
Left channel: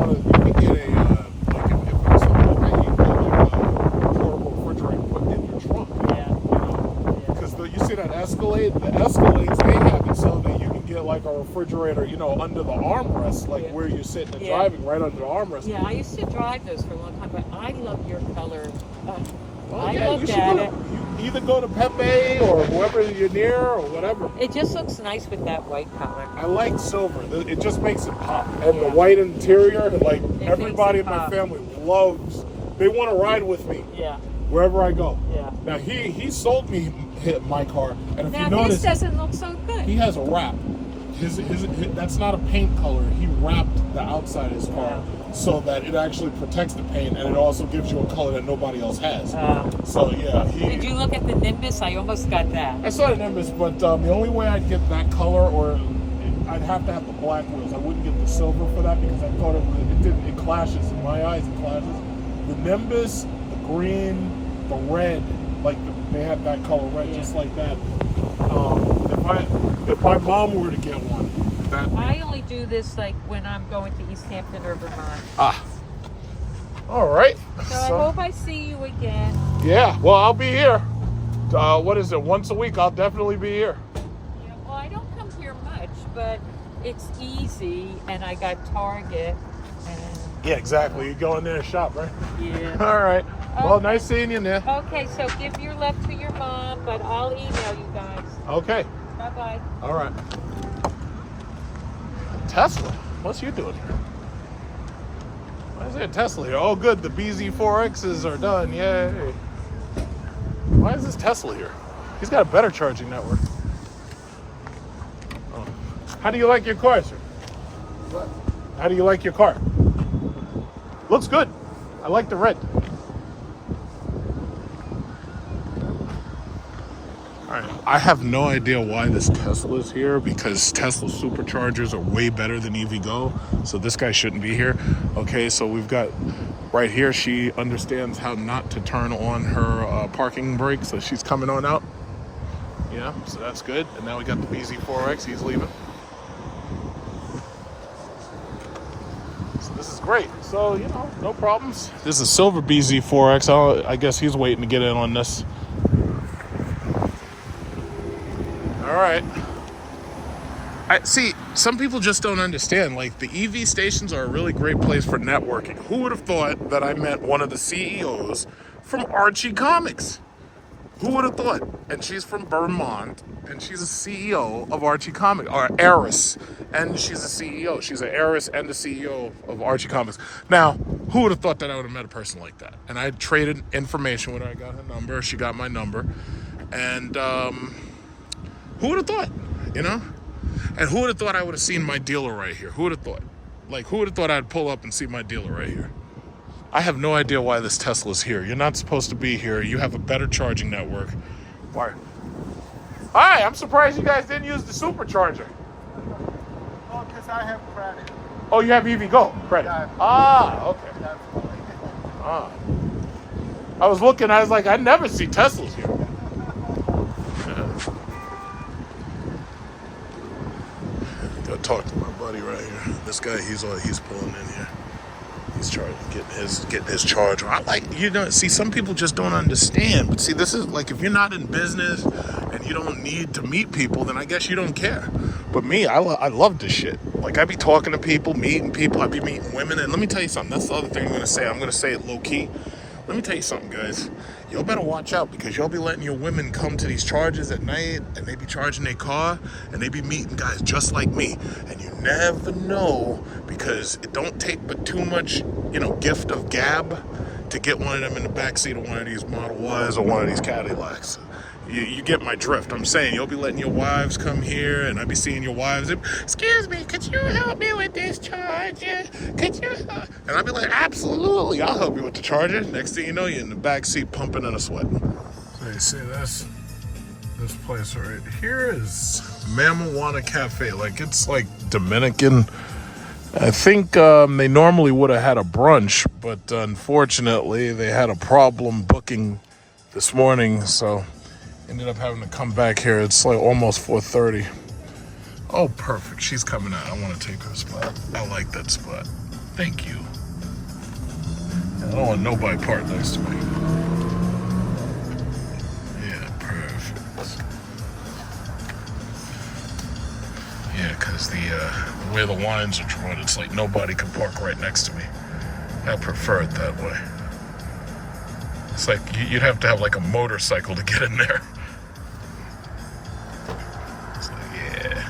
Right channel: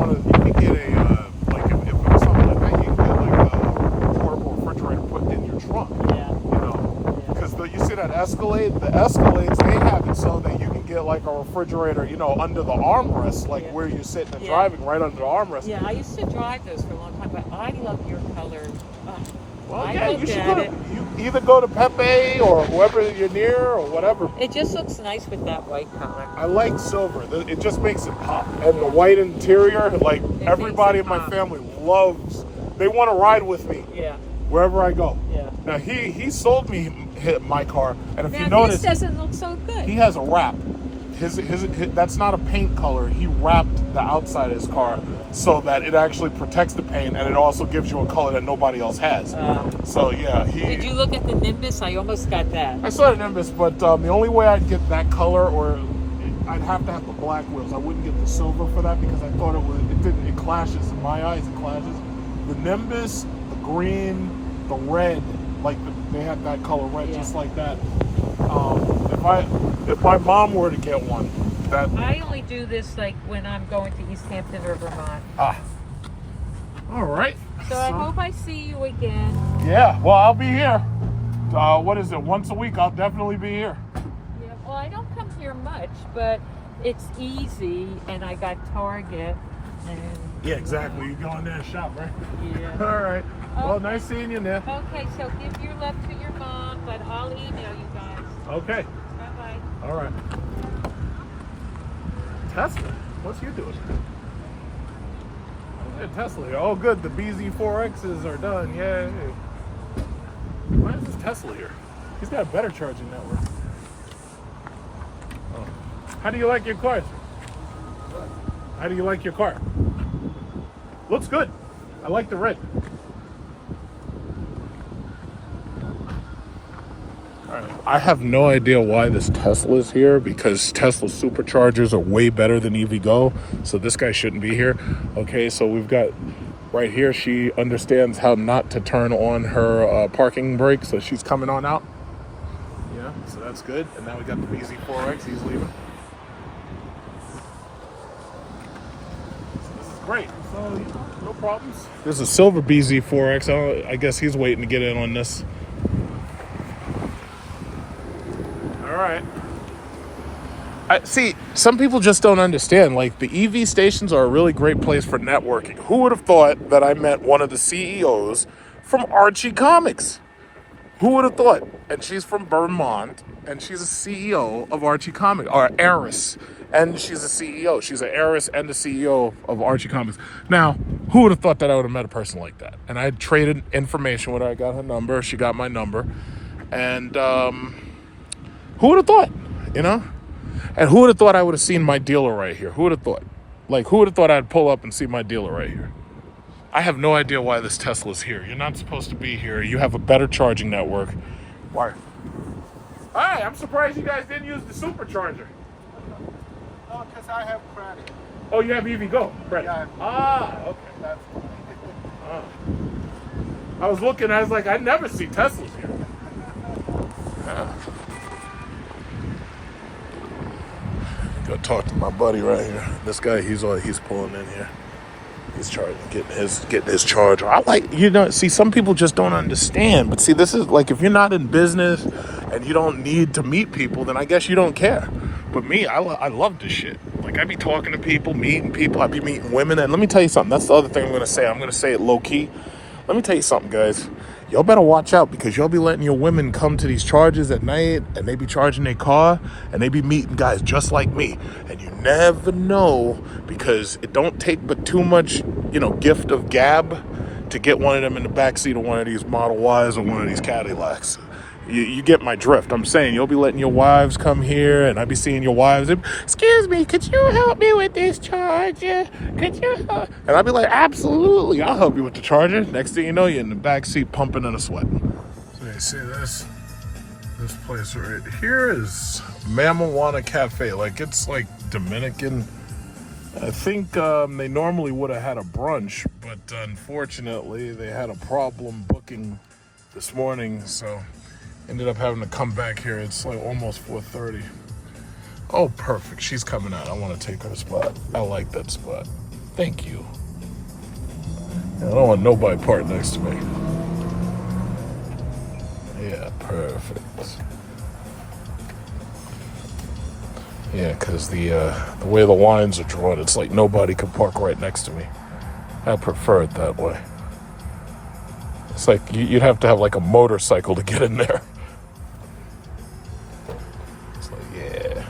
could get a like if it was something like that, you could get like a portable refrigerator put in your trunk. Yeah. You know, because you see that Escalade, the Escalades, they have it so that you can get like a refrigerator, you know, under the armrest, like where you're sitting and driving, right under the armrest. Yeah, I used to drive those for a long time, but I love your color. Well, I yeah, looked you should at go. it. You either go to Pepe or whoever you're near or whatever. It just looks nice with that white color. I like silver. It just makes it pop. And the white interior, like It everybody in makes it my pop. family loves. They want to ride with me Yeah. wherever I go. Yeah. Now he sold me my car, and if Now you notice, this doesn't look so good. he has a wrap. His that's not a paint color. He wrapped the outside of his car so that it actually protects the paint, and it also gives you a color that nobody else has. So yeah, Did you look at the Nimbus? I almost got that. I saw the Nimbus, but the only way I'd get that color, or I'd have to have the black wheels. I wouldn't get the silver for that because I thought it clashes in my eyes. It clashes. The Nimbus, the green, the red, like they have that color red, just like that. If my mom were to get one, that I only do this like when I'm going to East Hampton or Vermont. all right. So I hope I see you again. Yeah, well, I'll be here. What is it? Once a week, I'll definitely be here. Yeah, well, I don't come here much, but it's easy, and I got Target. And, Yeah, exactly. You go in there and shop, right? yeah. All right. Well, nice seeing you, Nick. Okay, so give your love to your mom, but I'll email you guys. Okay. Bye-bye. All right. Tesla? What's you doing here? Why is there a Tesla here? Oh, good. The BZ4Xs are done. Yay. Why is this Tesla here? He's got a better charging network. Oh. How do you like your car, sir? How do you like your car? Looks good. I like the red. All right. I have no idea why this Tesla is here because Tesla superchargers are way better than EVgo. So this guy shouldn't be here. Okay, so we've got right here. She understands how not to turn on her parking brake. So she's coming on out. Yeah, so that's good. And now we got the BZ4X. He's leaving. So this is great. So, you know, no problems. This is a silver BZ4X. I guess he's waiting to get in on this. All right. See, some people just don't understand. Like, the EV stations are a really great place for networking. Who would have thought that I met one of the CEOs from Archie Comics? Who would have thought? And she's from Vermont, and she's a CEO of Archie Comics, or heiress. And she's a CEO. She's an heiress and the CEO of Archie Comics. Now, who would have thought that I would have met a person like that? And I traded information with her. I got her number. She got my number. And who would have thought, you know? And who would have thought I would have seen my dealer right here? Who would have thought? Like, who would have thought I'd pull up and see my dealer right here? I have no idea why this Tesla's here. You're not supposed to be here. You have a better charging network. Why? Hi, I'm surprised you guys didn't use the supercharger. No, because I have credit. Oh, you have EV Go credit? Yeah. Ah, okay. That's why. Ah. I was looking, I was like, I never see Teslas here. Go talk to my buddy right here. This guy, he's pulling in here. He's getting his charger. I like, you know, see, some people just don't understand. But see, this is like, if you're not in business and you don't need to meet people, then I guess you don't care. But me, I love this shit. Like, I be talking to people, meeting people. I be meeting women. And let me tell you something. That's the other thing I'm going to say. I'm going to say it low key. Let me tell you something, guys. Y'all better watch out, because y'all be letting your women come to these charges at night, and they be charging their car, and they be meeting guys just like me. And you never know, because it don't take but too much, you know, gift of gab to get one of them in the backseat of one of these Model Ys or one of these Cadillacs. You get my drift. I'm saying you'll be letting your wives come here, and I be seeing your wives. Excuse me, could you help me with this charger? Could you? And I'll be like, absolutely, I'll help you with the charger. Next thing you know, you're in the back seat pumping and a sweating. So you see this place right here is Mamana Cafe. Like, it's like Dominican. I think they normally would have had a brunch, but unfortunately they had a problem booking this morning, so ended up having to come back here. It's like almost 4:30. Oh, perfect. She's coming out. I want to take her spot. I like that spot. Thank you. I don't want nobody parked next to me. Yeah, perfect. Yeah, because the way the lines are drawn, it's like nobody can park right next to me. I prefer it that way. It's like you'd have to have like a motorcycle to get in there. It's like, yeah.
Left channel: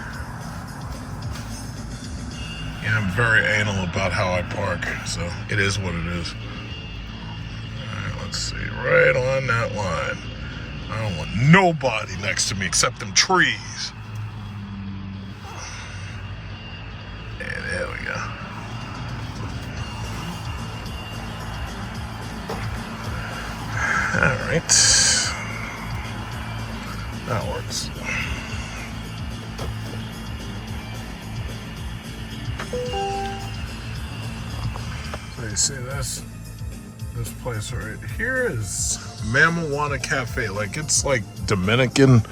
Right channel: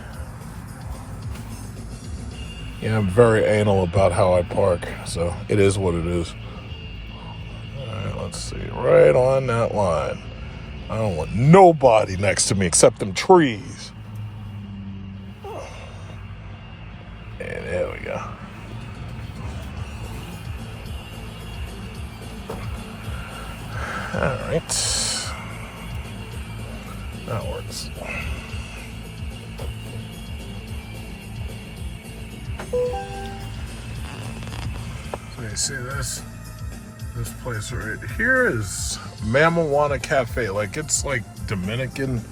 Yeah, I'm very anal about how I park, so it is what it is. All right, let's see. Right on that line. I don't want nobody next to me except them trees. Yeah, there we go. All right, that works. So you see this place right here is Mamana Cafe. Like, it's like Dominican.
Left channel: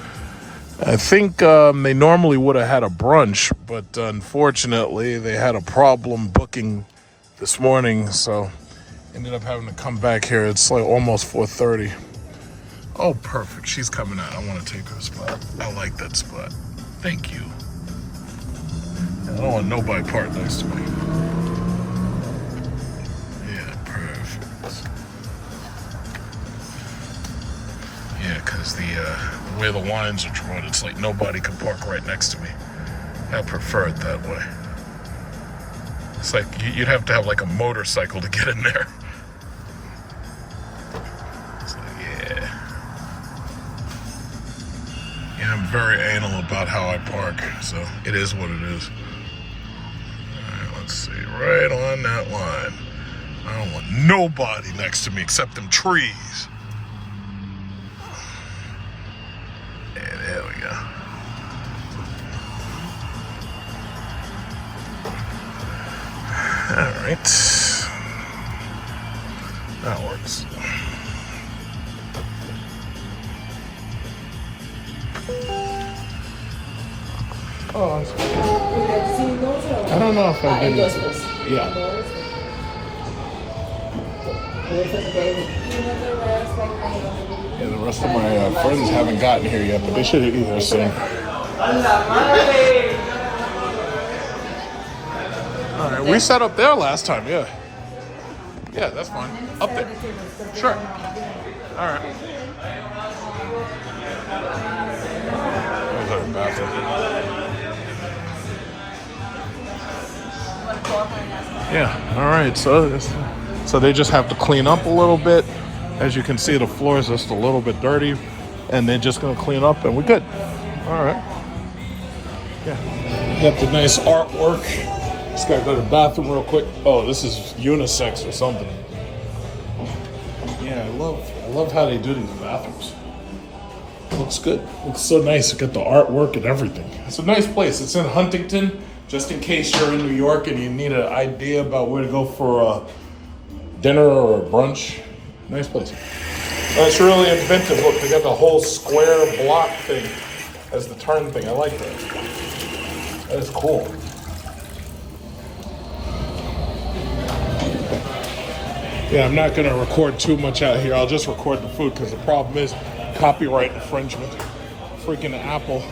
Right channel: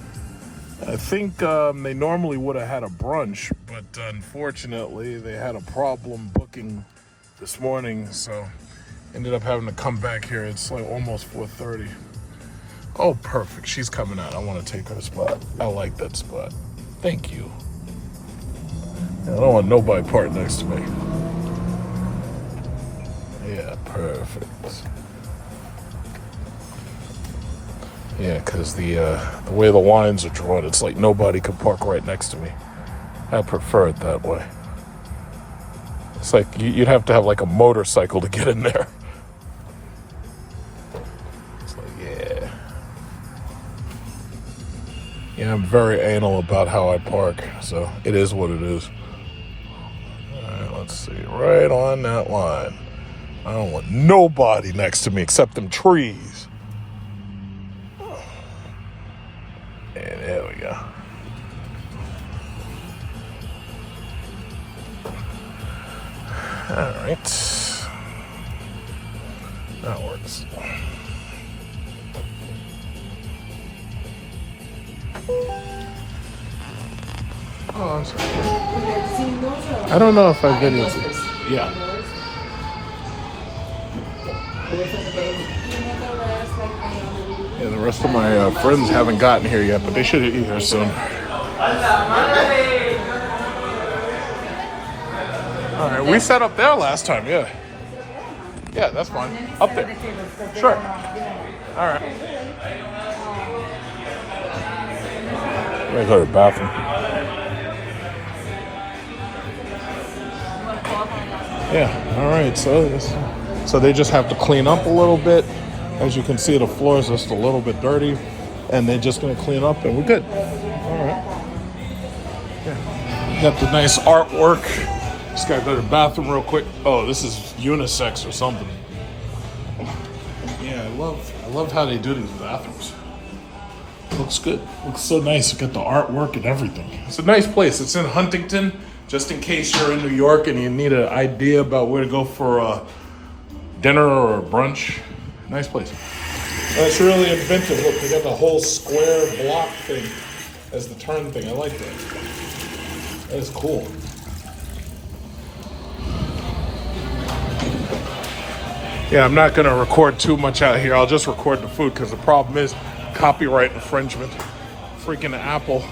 I think they normally would have had a brunch, but unfortunately they had a problem booking this morning, so ended up having to come back here. It's like almost 4:30. Oh, perfect. She's coming out. I want to take her spot. I like that spot. Thank you. I don't want nobody parked next to me. Yeah, perfect. Yeah, because the way the lines are drawn, it's like nobody can park right next to me. I prefer it that way. It's like you'd have to have like a motorcycle to get in there. It's like, yeah. Yeah, I'm very anal about how I park, so it is what it is. All right, let's see. Right on that line. I don't want nobody next to me except them trees. Yeah, there we go. All right. That works. Oh, I don't know if I've been with it. Yeah. Yeah, the rest of my friends haven't gotten here yet, but they should be here soon. All right, we sat up there last time, yeah. Yeah, that's fine. Up there. Sure. All right. Let me go to the bathroom. Yeah, all right, so they just have to clean up a little bit. As you can see, the floor is just a little bit dirty, and they're just gonna clean up and we're good. All right. Yeah. Got the nice artwork. Just gotta go to the bathroom real quick. Oh, this is unisex or something. Yeah, I love how they do these bathrooms. Looks good. Looks so nice. You got the artwork and everything. It's a nice place. It's in Huntington. Just in case you're in New York and you need an idea about where to go for a dinner or a brunch. Nice place. It's really inventive. Look, they got the whole square block thing as the turn thing. I like that. That is cool. Yeah, I'm not gonna record too much out here. I'll just record the food because the problem is copyright infringement. Freaking Apple.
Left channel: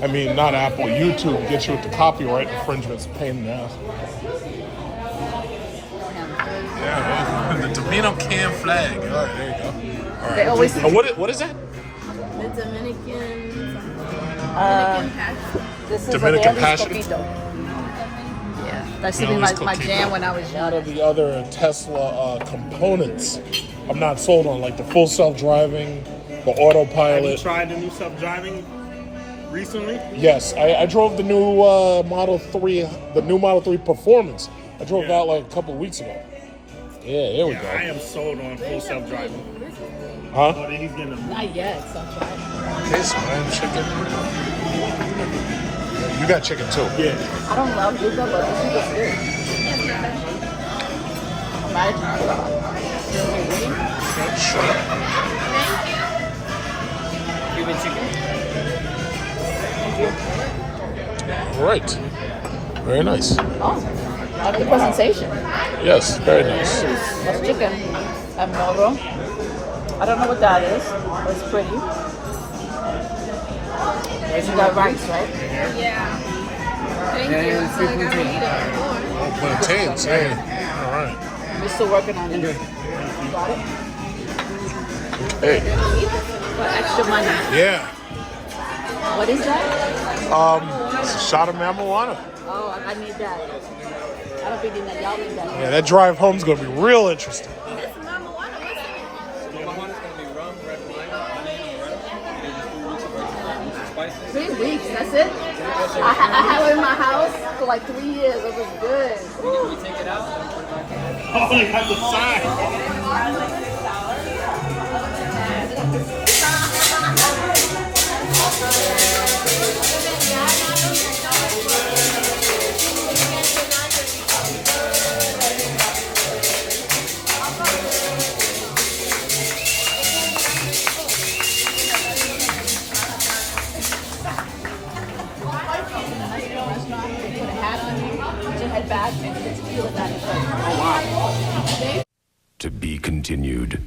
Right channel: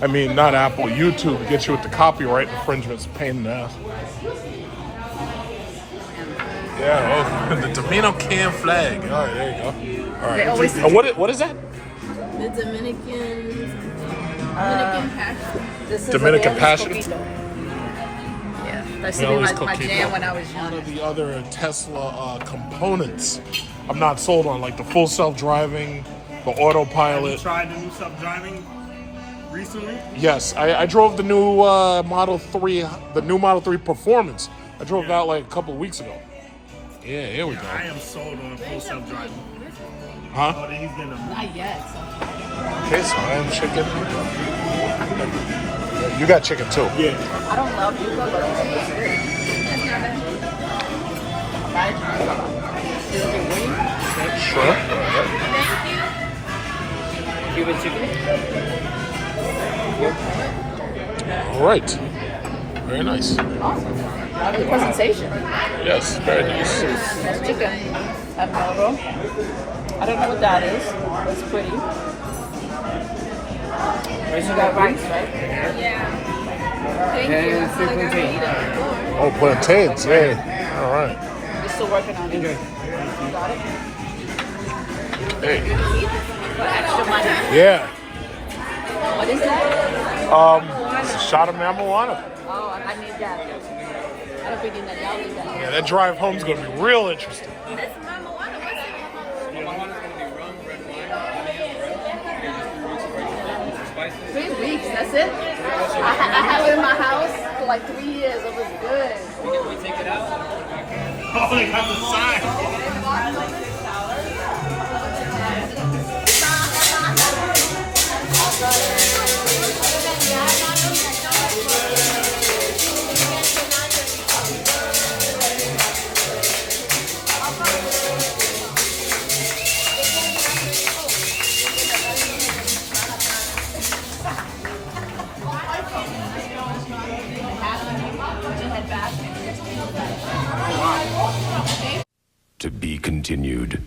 I mean, not Apple, YouTube gets you with the copyright infringements. Pain in the ass. Yeah, well, the Domino can flag. All right, there you go. All right. What is that? The Dominican Passion. Dominican Passion? Yeah, that's Nelly's my jam when I was A young. lot of the other Tesla components I'm not sold on, like the full self-driving, the autopilot. Have you tried the new self-driving recently? Yes, I drove the new Model 3, the new Model 3 Performance. I drove that like a couple of weeks ago. Yeah, here we go. I am sold on full self-driving. Huh? But he's gonna Not yet, so I'm trying. Okay, so I am chicken. You got chicken too. Yeah. I don't know. You go look. It's good. It's not bad. Shrimp. You with chicken? All right. Very nice. I like presentation. Yes, very nice. That's chicken. And marrow. I don't know what that is. It's pretty. You got rice, right? Yeah. Thank you. Oh, plantains. Hey. All right. You're still working on it. You got it? Hey. For extra money. Yeah. What is that? It's a shot of marijuana. Oh, I need that. I don't think that y'all need that. Yeah, that drive home's gonna be real interesting. That's marijuana. What's it? Marijuana's gonna be rum, red wine, honey, and red. And just 3 weeks of red wine, which is spicy. 3 weeks, that's it? I had it in my house for like 3 years. It was good. We take it out. Oh, you got the sack. To be continued.